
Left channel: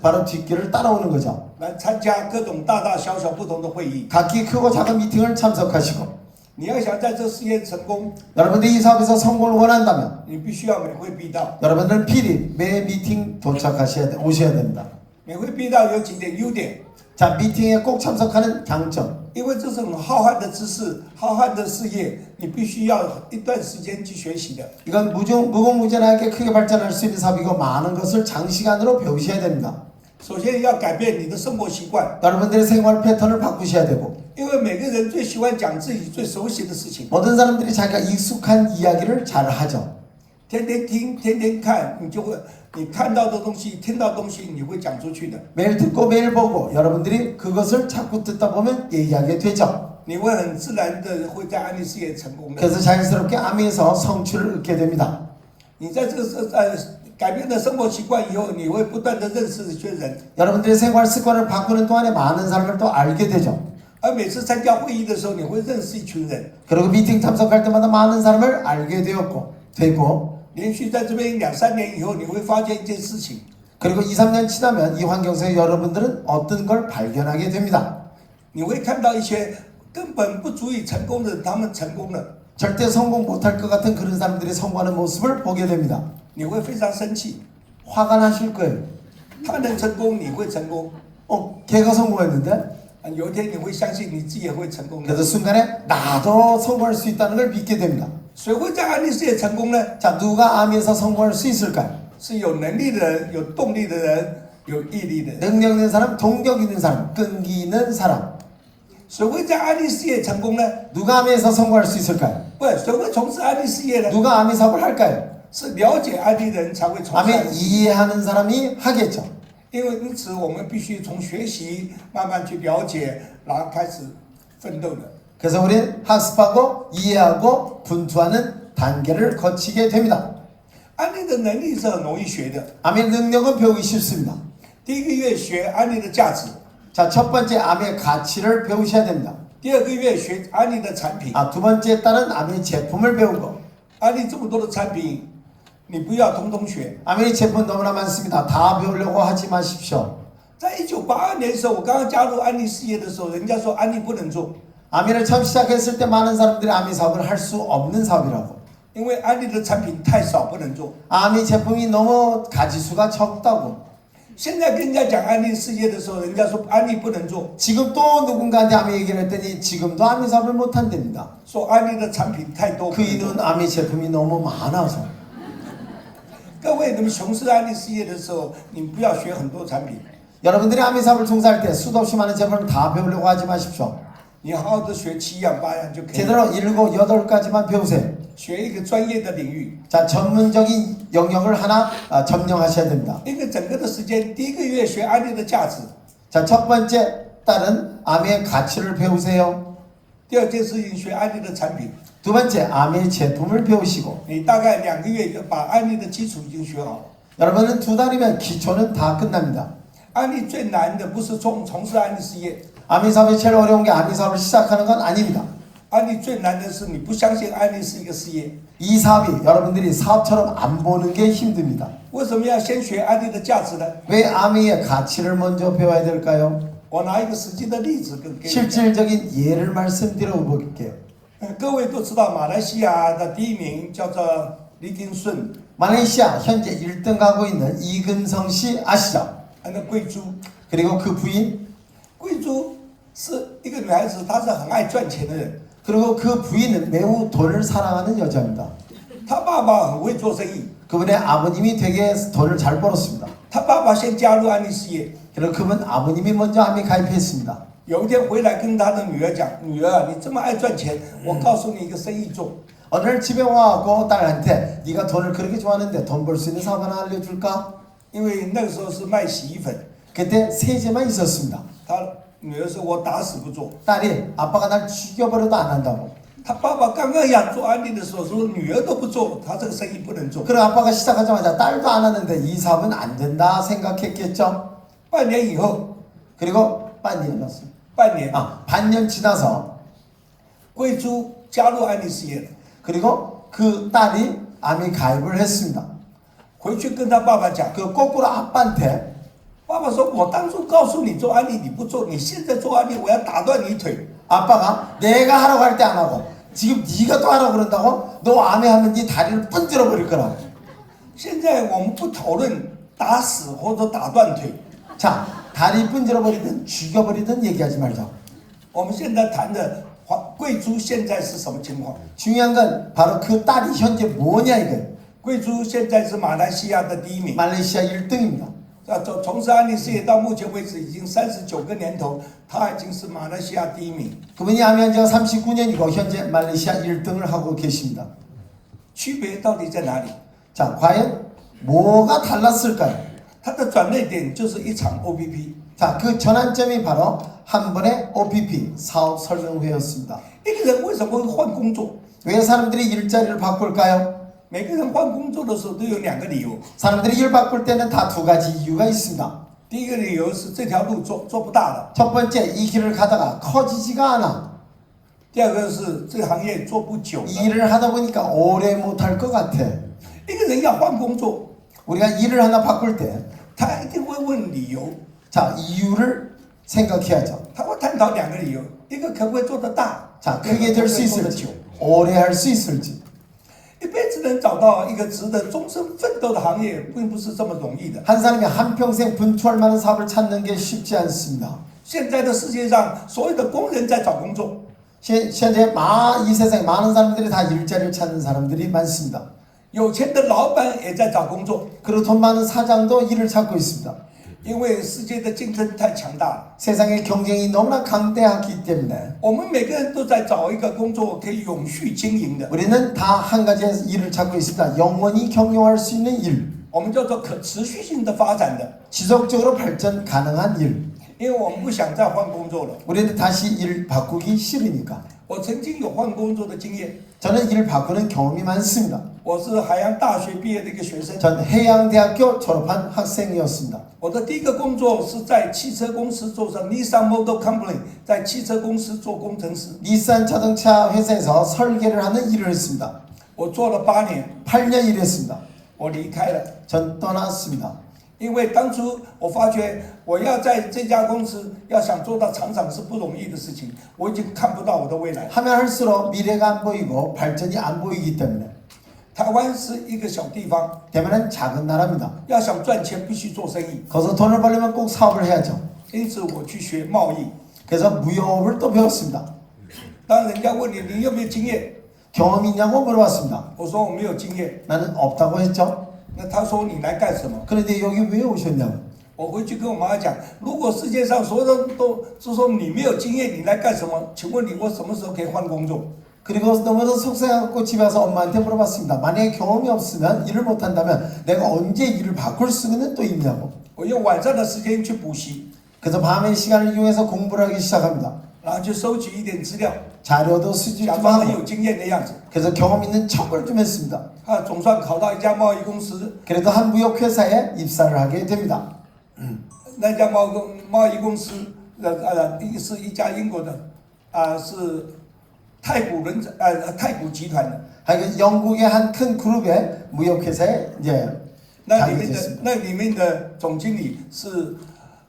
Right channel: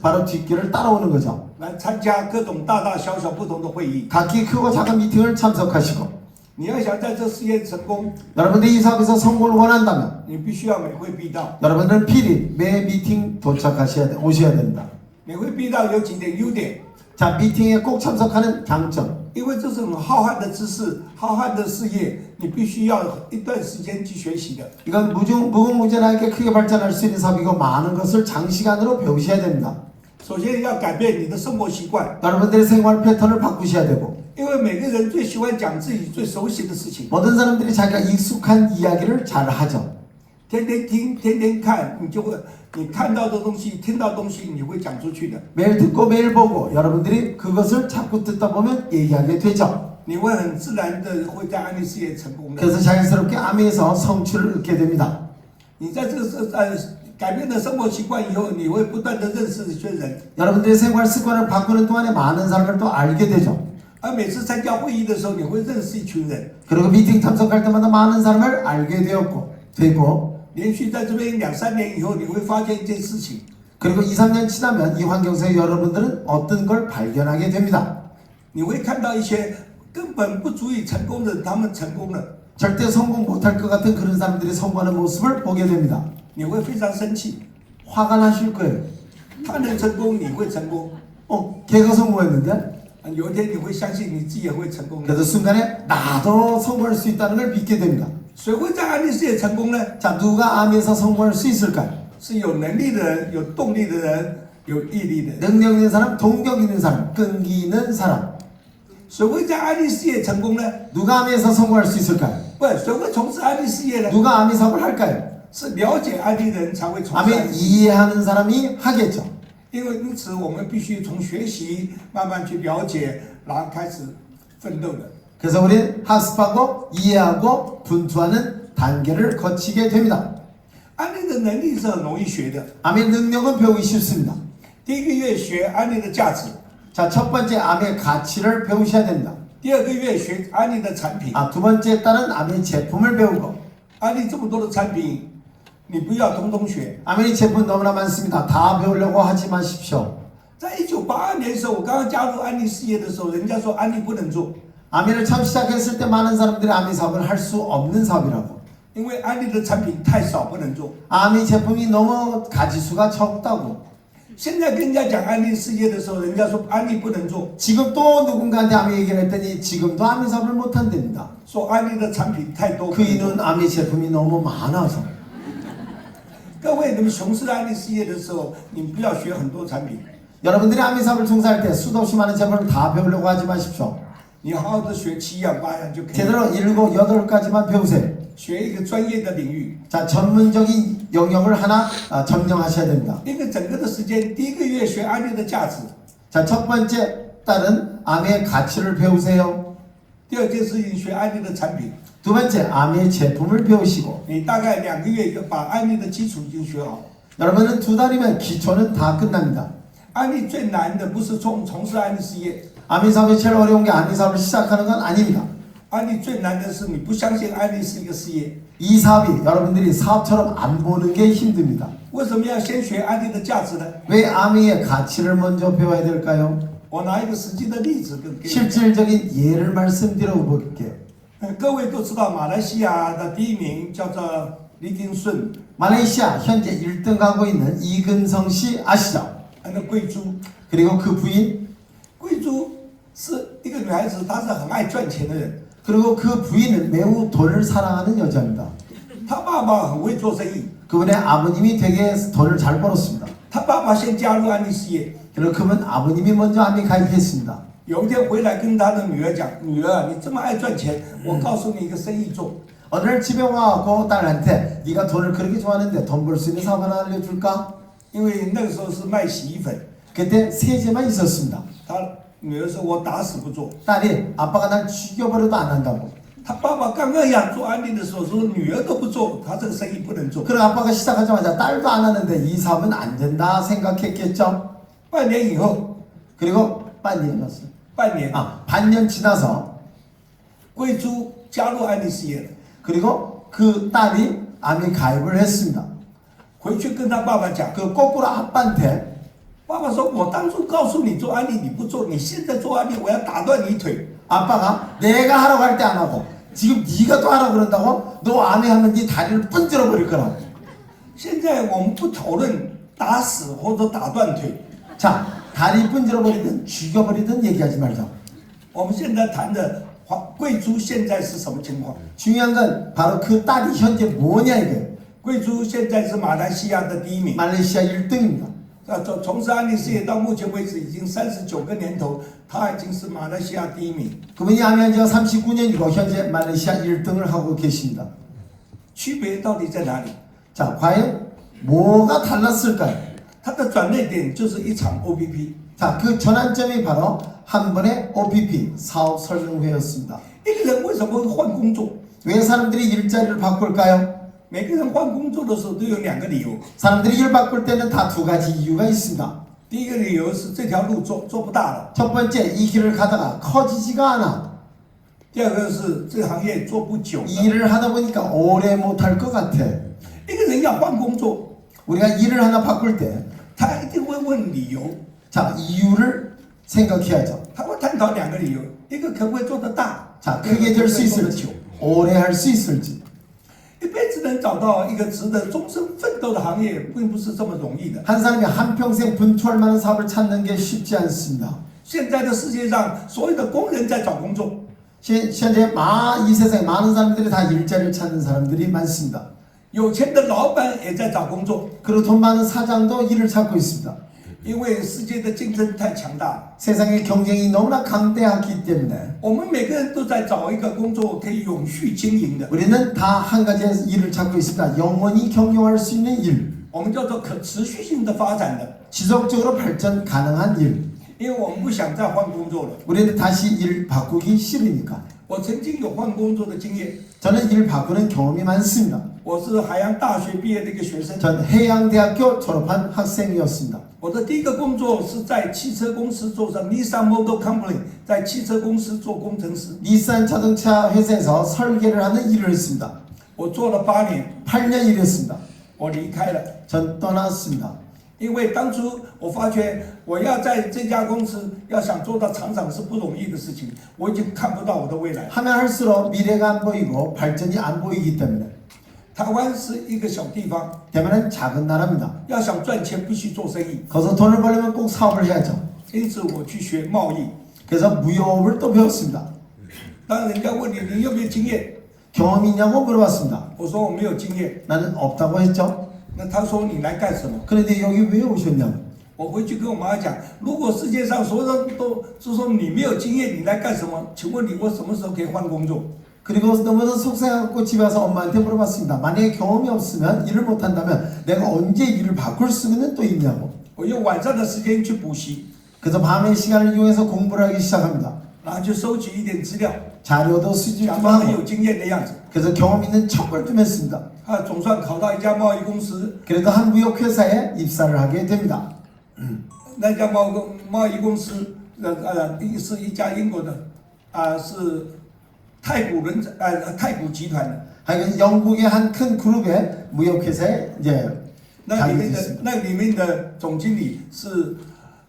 바로 뒷길을 따라오는 거죠. 来参加各种大大小小不同的会议。 각기 크고 작은 미팅을 참석하시고 你要想在这事业成功， 여러분들이 이 사업에서 성공을 원한다면 你必须要每会必到。 여러분들은 필히 매 미팅 오셔야 됩니다. 每会必到有几点优点， 자, 미팅에 꼭 참석하는 장점. 因为这是很浩瀚的知识、浩瀚的事业，你必须要一段时间去学习的。 이건 무궁무진하게 크게 발전할 수 있는 사업이고 많은 것을 장시간으로 배우셔야 됩니다. 首先要改变你的生活习惯， 여러분들의 생활 패턴을 바꾸셔야 되고 因为每个人最喜欢讲自己最熟悉的事情， 모든 사람들이 자기가 익숙한 이야기를 잘 하죠. 天天听、天天看，你就会，你看到的东西、听到的东西，你会讲出去的， 매일 듣고 매일 보고 여러분들이 그것을 자꾸 듣다 보면 얘기하게 되죠. 你会很自然的会在安利事业成功的。 그래서 자연스럽게 암에서 성취를 얻게 됩니다. 你在这个改变了生活习惯以后，你会不断的认识一些人， 여러분들의 생활 습관을 바꾸는 동안에 많은 사람을 또 알게 되죠. 而每次参加会议的时候，你会认识一群人。 그리고 미팅 참석할 때마다 많은 사람을 알게 되고 连续在这边2-3年以后，你会发现一件事情， 그리고 2-3년 지나면 이 환경에서 여러분들은 어떤 걸 발견하게 됩니다. 你会看到一些根本不足以成功的人，他们成功了， 절대 성공 못할 것 같은 그런 사람들이 성공하는 모습을 보게 됩니다. 你会非常生气。 화가 나실 거예요. 他能成功，你会成功。 걔가 성공했는데 有一天你会相信你自己也会成功的。 그래서 순간에 나도 성공할 수 있다는 걸 믿게 됩니다. 谁会在安利事业成功呢？ 자, 누가 암에서 성공할 수 있을까요? 是有能力的人、有动力的人、有毅力的人。 능력 있는 사람, 동력 있는 사람, 끈기 있는 사람. 谁会在安利事业成功呢？ 누가 암에서 성공할 수 있을까요? 不，谁会从事安利事业呢？ 누가 암의 사업을 할까요? 是了解安利的人才会从事安 암에 利事业。 이해하는 사람이 하겠죠. 因为因此，我们必须从学习慢慢去了解，然后开始奋斗的。 그래서 우리는 학습하고 이해하고 분투하는 단계를 거치게 됩니다. 安利的能力是很容易学的。 암의 능력은 배우기 쉽습니다. 第一个月学安利的价值， 자, 첫 번째 암의 가치를 배우셔야 됩니다. 第二个月学安利的产品。 두 번째 딸은 암의 제품을 배우고 安利这么多的产品，你不要通通学。 암의 제품 너무나 많습니다. 다 배우려고 하지 마십시오. 在1982年的时候，我刚刚加入安利事业的时候，人家说安利不能做， 암을 처음 시작했을 때 많은 사람들이 암의 사업을 할 수 없는 사업이라고. 因为安利的产品太少，不能做。 암의 제품이 너무 가지수가 적다고. 现在跟人家讲安利事业的时候，人家说安利不能做， 지금 또 누군가한테 암의 얘기를 했더니 지금도 암의 사업을 못한답니다. 说安利的产品太多。 그 이유는 암의 제품이 너무 많아서. 各位，你们从事安利事业的时候，你们不要学很多产品， 여러분들이 암의 사업을 종사할 때 수도 없이 많은 제품을 다 배우려고 하지 마십시오. 你好好的学7样8样就可以了。 제대로 7, 8가지만 배우세요. 学一个专业的领域， 자, 전문적인 영역을 하나 점령하셔야 됩니다. 一个整个的时间，第一个月学安利的价值， 자, 첫 번째 딸은 암의 가치를 배우세요. 第二件事情学安利的产品。 두 번째 암의 제품을 배우시고 你大概2个月就把安利的基础已经学好。 여러분은 2달이면 기초는 다 끝납니다. 安利最难的不是从事安利事业， 암의 사업이 제일 어려운 게 암의 사업을 시작하는 건 아닙니다. 安利最难的是你不相信安利是一个事业。 이 사업이 여러분들이 사업처럼 안 보는 게 힘듭니다. 为什么要先学安利的价值呢？ 왜 암의 가치를 먼저 배워야 될까요? 我拿一个实际的例子给你讲。 실질적인 예를 말씀드려 볼게요. 各位都知道，马来西亚的第一名叫做李金顺， 말레이시아 현재 1등 가고 있는 이근성 씨 아시죠? 那贵珠。 그리고 그 부인 贵珠是一个女孩子，她是很爱赚钱的人。 그리고 그 부인은 매우 돈을 사랑하는 여자입니다. 他爸爸很会做生意， 그분의 아버님이 되게 돈을 잘 벌었습니다. 他爸爸先加入安利事业。 그리고 그분 아버님이 먼저 암에 가입했습니다. 有一天回来跟他的女儿讲：“女儿啊，你这么爱赚钱，我告诉你一个生意做。 어느 날 집에 와갖고 딸한테 네가 돈을 그렇게 좋아하는데 돈 벌 수 있는 사업 하나 알려줄까? 因为那个时候是卖洗衣粉， 그때 세제만 있었습니다. 他女儿说：“我打死不做。 딸이 아빠가 날 죽여버려도 안 한다고. ”他爸爸刚刚要做安利的时候说：“女儿都不做，他这个生意不能做。 그럼 아빠가 시작하자마자 딸도 안 하는데 이 사업은 안 된다 생각했겠죠. ”半年以后， 그리고 반년이었어요. 半年 반년 지나서 贵珠加入安利事业了， 그리고 그 딸이 암에 가입을 했습니다. 回去跟他爸爸讲， 그 거꾸로 아빠한테 爸爸说：“我当初告诉你做安利，你不做，你现在做安利，我要打断你腿。 아빠가 내가 하라고 할 때 안 하고 지금 네가 또 하라고 그런다고 너 암에 하면 네 다리를 분질러 버릴 거라고. 现在我们不讨论打死或者打断腿， 자, 다리 분질러 버리든 죽여버리든 얘기하지 말자. 我们现在谈的贵珠现在是什么情况？ 중요한 건 바로 그 딸이 현재 뭐냐 이거예요. 贵珠现在是马来西亚的第一名。 말레이시아 1등입니다. 从事安利事业到目前为止已经39个年头，他已经是马来西亚第一名。 그분이 암에 지가 39년이고 현재 말레이시아 1등을 하고 계십니다. 区别到底在哪里？ 자, 과연 뭐가 달랐을까요? 它的转捩点就是一场 OPP。 자, 그 전환점이 바로 한 번의 OPP 사업 설명회였습니다. 一个人为什么会换工作？ 왜 사람들이 일자리를 바꿀까요? 每个人换工作的时候都有2个理由。 사람들이 일 바꿀 때는 다 두 가지 이유가 있습니다. 第一个理由是这条路做不大了， 첫 번째, 이 길을 가다가 커지지가 않아. 第二个是这个行业做不久了。 이 일을 하다 보니까 오래 못할 것 같아. 一个人要换工作， 우리가 일을 하나 바꿀 때, 他一定会问理由， 자, 이유를 생각해야죠. 他会探讨2个理由，一个可不可以做得大， 자, 一个 크게 可 될 不 수 可以做得久。 있을지, 오래 할 수 있을지. 一辈子能找到一个值得终身奋斗的行业，并不是这么容易的。 한 사람이 한평생 분투할 만한 사업을 찾는 게 쉽지 않습니다. 现在的世界上，所有的工人在找工作， 현재 이 세상에 많은 사람들이 다 일자리를 찾는 사람들이 많습니다. 有钱的老板也在找工作， 그리고 돈 많은 사장도 일을 찾고 있습니다. 因为世界的竞争太强大了。 세상의 경쟁이 너무나 강대하기 때문에 我们每个人都在找一个工作可以永续经营的， 우리는 다 한 가지의 일을 찾고 있습니다. 영원히 경영할 수 있는 일, 我们叫做可持续性的发展的。 지속적으로 발전 가능한 일. 因为我们不想再换工作了。 우리는 다시 일 바꾸기 싫으니까. 我曾经有换工作的经验， 저는 일 바꾸는 경험이 많습니다. 我是海洋大学毕业的一个学生。 전 해양대학교 졸업한 학생이었습니다. 我的第一个工作是在汽车公司做上 Nissan Motor Company， 在汽车公司做工程师， 닛산 자동차 회사에서 설계를 하는 일을 했습니다. 我做了8年， 8년 일했습니다. 我离开了。 전 떠났습니다. 因为当初我发觉我要在这家公司要想做到厂长是不容易的事情，我已经看不到我的未来。 하면 할수록 미래가 안 보이고 발전이 안 보이기 때문에 台湾是一个小地方， 대만은 작은 나라입니다. 要想赚钱必须做生意， 거기서 돈을 벌려면 꼭 사업을 해야죠. 因此我去学贸易。 그래서 무역을 또 배웠습니다. 当人家问你有没有经验， 경험 있냐고 물어봤습니다. 我说我没有经验， 나는 없다고 했죠. 那他说你来干什么？ 그런데 여기 왜 오셨냐고. 我回去跟我妈讲，如果世界上所有人都是说你没有经验，你来干什么？请问你我什么时候可以换工作？ 그리고 너무나 속상하고 집에 와서 엄마한테 물어봤습니다. 만약에 경험이 없으면 일을 못한다면 내가 언제 일을 바꿀 수는 또 있냐고. 我用晚上的时间去补习， 그래서 밤의 시간을 이용해서 공부를 하기 시작합니다. 然后去收集一点资料， 자료도 수집 假 좀 装很 하고 有经验的样子。 그래서 경험 있는 척을 좀 했습니다. 总算考到一家贸易公司， 그래도 한 무역회사에 입사를 하게 됩니다. 那家贸易公司是一家英国的是太古集团的。 하여간 영국의 한 큰 그룹의 무역회사에 이제 那里面 가게 的 됐습니다. 那里面的总经理是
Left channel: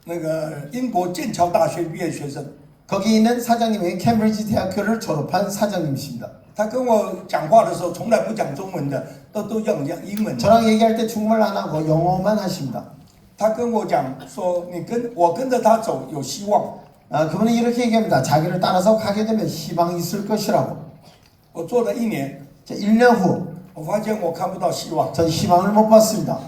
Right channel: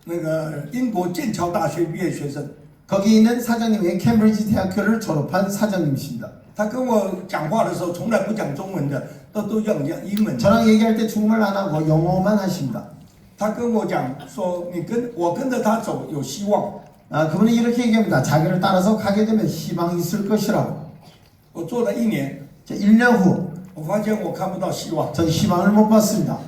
那个英国剑桥大学毕业学生。 거기 있는 사장님이 캠브리지 대학교를 졸업한 사장님이십니다. 他跟我讲话的时候，从来不讲中文的，都用英文。 저랑 얘기할 때 중국말 안 하고 영어만 하십니다. 他跟我讲说，我跟着他走有希望。 그분은 이렇게 얘기합니다. 자기를 따라서 가게 되면 희망이 있을 것이라고. 我做了1年， 1년 후我发现我看不到希望。 전 희망을 못 봤습니다.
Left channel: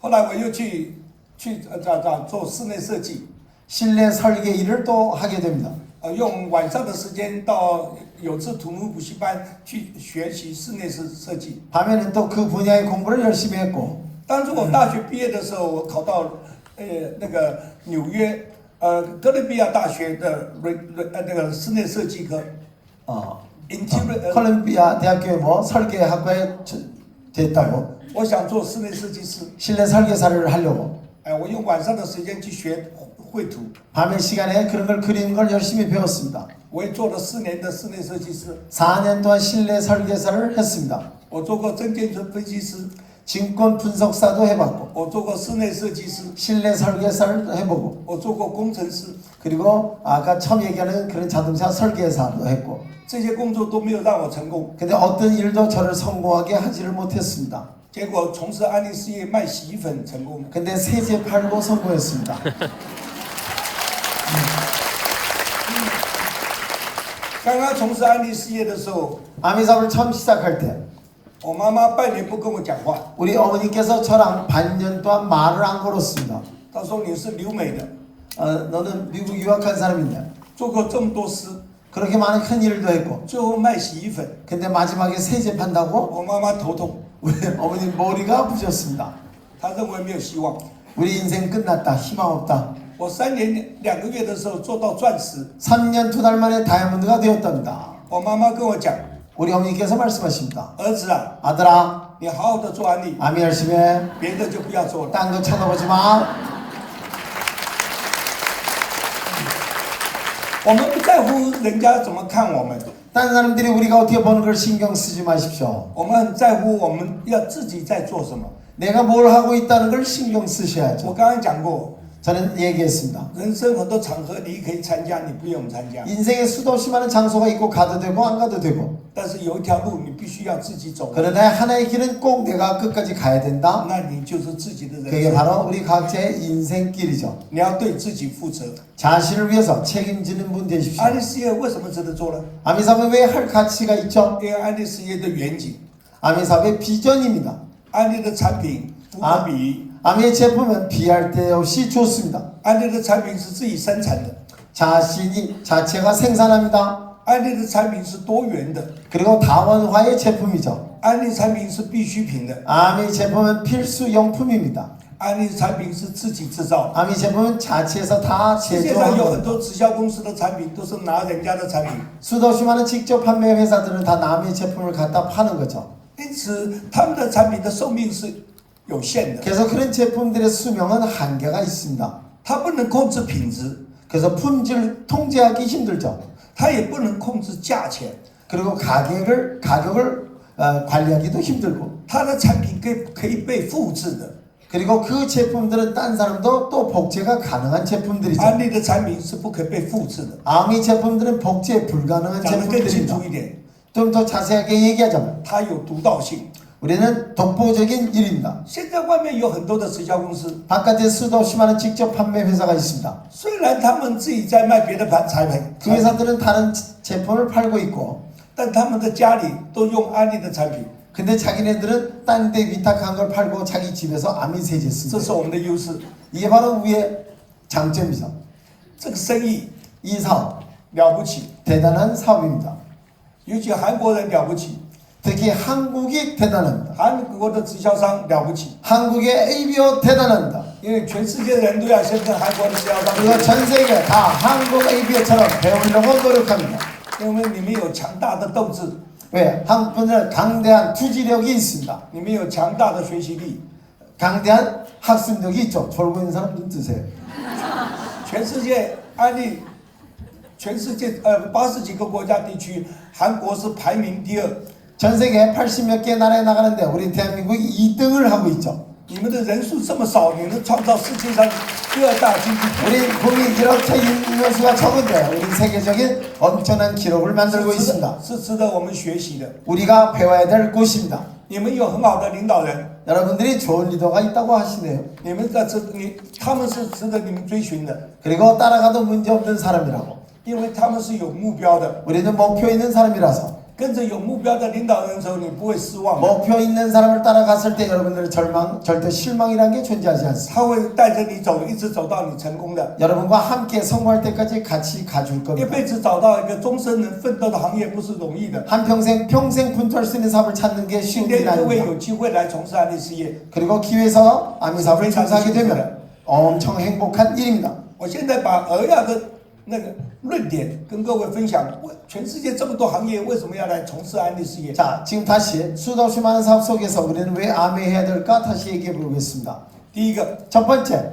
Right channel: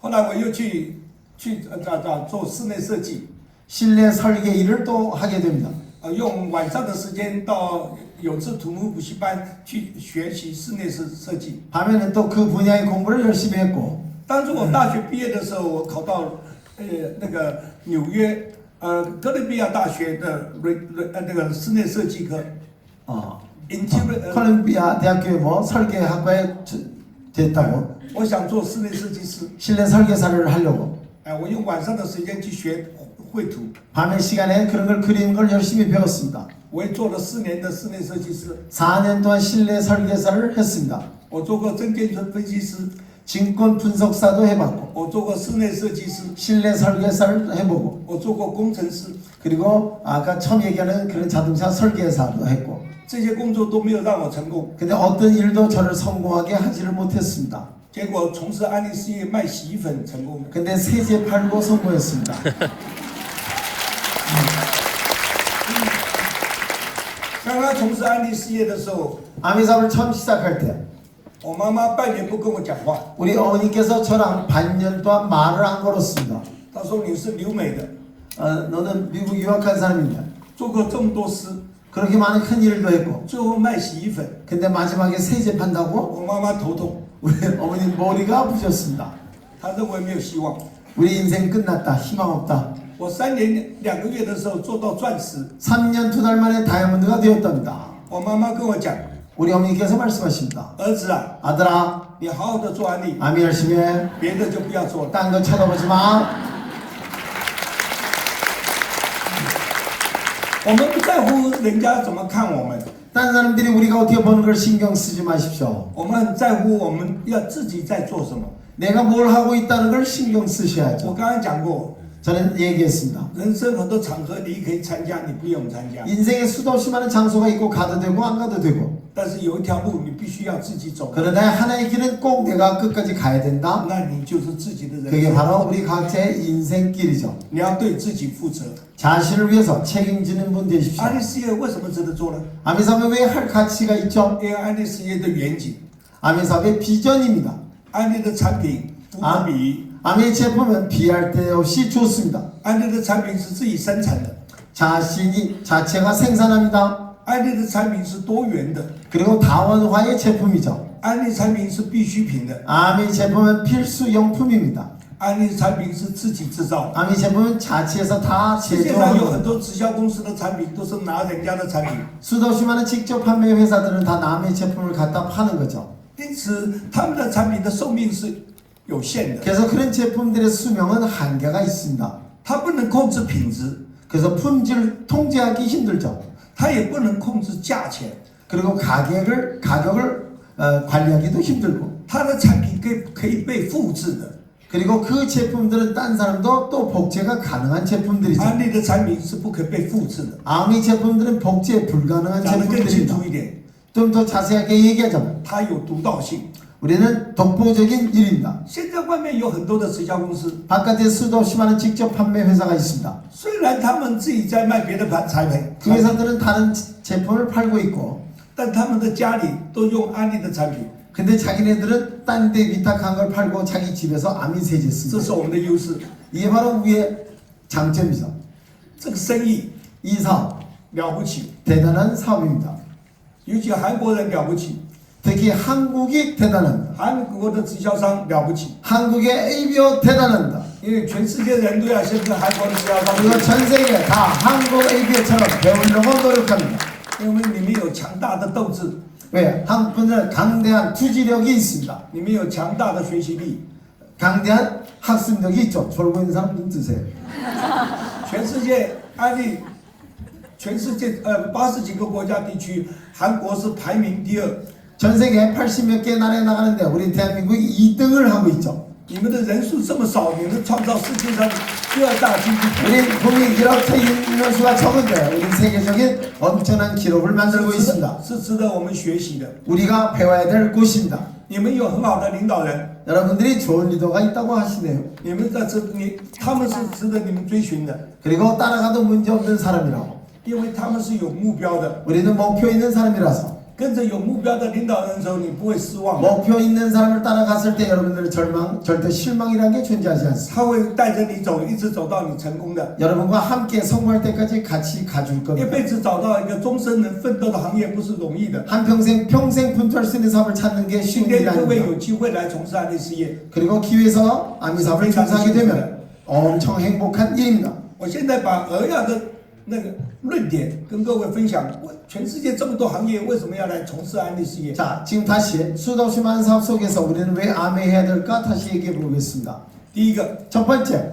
后来我又去做室内设计， 실내 설계 일을 또 하게 됩니다. 用晚上的时间到有志土木补习班去学习室内设计。 밤에는 또 그 분야의 공부를 열심히 했고 当初我大学毕业的时候，我考到那个纽约哥伦比亚大学的那个室内设计科 콜롬비아 대학교에 뭐 설계학과에 됐다고 我想做室内设计师， 실내 설계사를 하려고 我用晚上的时间去学绘图， 밤의 시간에 그런 걸 그리는 걸 열심히 배웠습니다. 我也做了4年的室内设计师， 4년 동안 실내 설계사를 했습니다. 我做过证券分析师， 증권 분석사도 해봤고 我做过室内设计师， 실내 설계사를 해보고 我做过工程师， 그리고 아까 처음 얘기하는 그런 자동차 설계사도 했고 这些工作都没有让我成功。 근데 어떤 일도 저를 성공하게 하지를 못했습니다. 结果从事安利事业卖洗衣粉成功了。 근데 세제 팔고 성공했습니다. 刚刚从事安利事业的时候， 아미사업을 처음 시작할 때 我妈妈半年不跟我讲话， 우리 어머니께서 저랑 반년 동안 말을 안 걸었습니다. 她说你是留美的， 너는 미국 유학한 사람이냐? 做过这么多事， 그렇게 많은 큰 일도 했고 最后卖洗衣粉， 근데 마지막에 세제 판다고 我妈妈头痛， 우리 어머니 머리가 아프셨습니다. 她认为没有希望。 우리 인생 끝났다. 희망 없다. 我3年2个月的时候做到钻石， 3년 2달 만에 다이아몬드가 되었답니다. 我妈妈跟我讲， 우리 어머니께서 말씀하십니다. 儿子啊， 아들아, 你好好的做安利， 아미 열심히 해. 别的就不要做了。 딴 거 쳐다보지 마. 我们不在乎人家怎么看我们， 딴 사람들이 우리가 어떻게 보는 걸 신경 쓰지 마십시오. 我们很在乎我们要自己在做什么。 내가 뭘 하고 있다는 걸 신경 我 쓰셔야죠. 刚刚讲过， 저는 얘기했습니다. 人生很多场合你可以参加，你不用参加， 인생에 수도 없이 많은 장소가 있고 가도 되고 안 가도 되고 但是有一条路你必须要自己走， 그러나 하나의 길은 꼭 내가 끝까지 가야 된다. 那你就是自己的人 그게 生。 바로 우리 각자의 인생길이죠. 你要对自己负责。 자신을 위해서 책임지는 분 되십시오. 安利事业为什么值得做呢？ 아미사업에 왜 할 가치가 있죠? 因为安利事业的远景， 아미사업의 비전입니다. 安利的产品无可比拟， 아미의 제품은 비할 데 없이 좋습니다. 安利的产品是自己生产的， 자체가 생산합니다. 安利的产品是多元的， 그리고 다원화의 제품이죠. 安利产品是必需品的， 아미 제품은 필수 용품입니다. 安利产品是自己制造。 아미 제품은 자체에서 다 世界上有 제조하는 很 겁니다. 多直销公司的产品都是拿人家的产品， 수도 없이 많은 직접 판매 회사들은 다 남의 제품을 갖다 파는 거죠. 因此他们的产品的寿命是有限的， 그래서 그런 제품들의 수명은 한계가 있습니다. 它不能控制品质， 그래서 품질 통제하기 힘들죠. 它也不能控制价钱， 그리고 가격을 관리하기도 힘들고 它的产品可以被复制的。 그리고 그 제품들은 딴 사람도 또 복제가 가능한 제품들이죠. 安利的产品是不可被复制的。 아미 제품들은 복제 불가능한 讲得更清 제품들입니다. 楚一点， 좀 더 자세하게 얘기하자면 它有独到性。 우리는 독보적인 일입니다. 现在外面有很多的直销公司， 바깥에 수도 없이 많은 직접 판매 회사가 있습니다. 虽然他们自己在卖别的产品， 그 회사들은 다른 제품을 팔고 있고 但他们的家里都用安利的产品， 근데 자기네들은 딴 데 위탁한 걸 팔고 자기 집에서 아미 세제 这 씁니다. 是我们的优势。 이게 바로 우리의 장점이죠. 这个生意 이 사업 了不起， 대단한 사업입니다. 尤其韩国人了不起， 특히 한국이 대단합니다. 韩国的直销商了不起， 한국의 ABO 대단합니다. 因为全世界的人都要先跟韩国的直销商 그리고 学， 전 세계 다 한국 ABO처럼 배우려고 노력합니다. 因为你们有强大的斗志， 왜? 한국 분들은 강대한 투지력이 있습니다. 你们有强大的学习力。 강대한 학습력이 있죠. 졸고 있는 사람 눈 뜨세요. 全世界安利，全世界80几个国家地区，韩国是排名第2。 전 세계 80몇 개 나라에 나가는데 우리 대한민국이 2등을 하고 있죠. 你们的人数这么少，你能创造世界上第2大经济体， 우리 국민 이렇게 있는 수가 적은데 우리 세계적인 엄청난 기록을 만들고 있습니다. 是值得我们学习的。 우리가 배워야 될 곳입니다. 你们有很好的领导人， 여러분들이 좋은 리더가 있다고 하시네요. 他们是值得你们追寻的， 그리고 따라가도 문제없는 사람이라고. 因为他们是有目标的。 우리는 목표 있는 사람이라서 跟着有目标的领导人的时候，你不会失望的。 목표 있는 사람을 따라갔을 때 여러분들은 절대 실망이라는 게 존재하지 않습니다. 他会带着你走，一直走到你成功的。 여러분과 함께 성공할 때까지 같이 가줄 一 겁니다. 辈子找到一个终身能奋斗的行业不是容易的。 평생 fun투할 수 있는 사업을 찾는 게 今 쉬운 天 일이 各位 아닙니다. 有机会来从事安利事业， 그리고 기회에서 아미 사업을 종사하게 되면 엄청 행복한 일입니다. 我现在把俄亚的那个论点跟各位分享。全世界这么多行业，为什么要来从事安利事业？ 자, 지금 다시 수없이 많은 사업 속에서 우리는 왜 아메해야 될까 다시 얘기해 보겠습니다. 第一个， 첫 번째,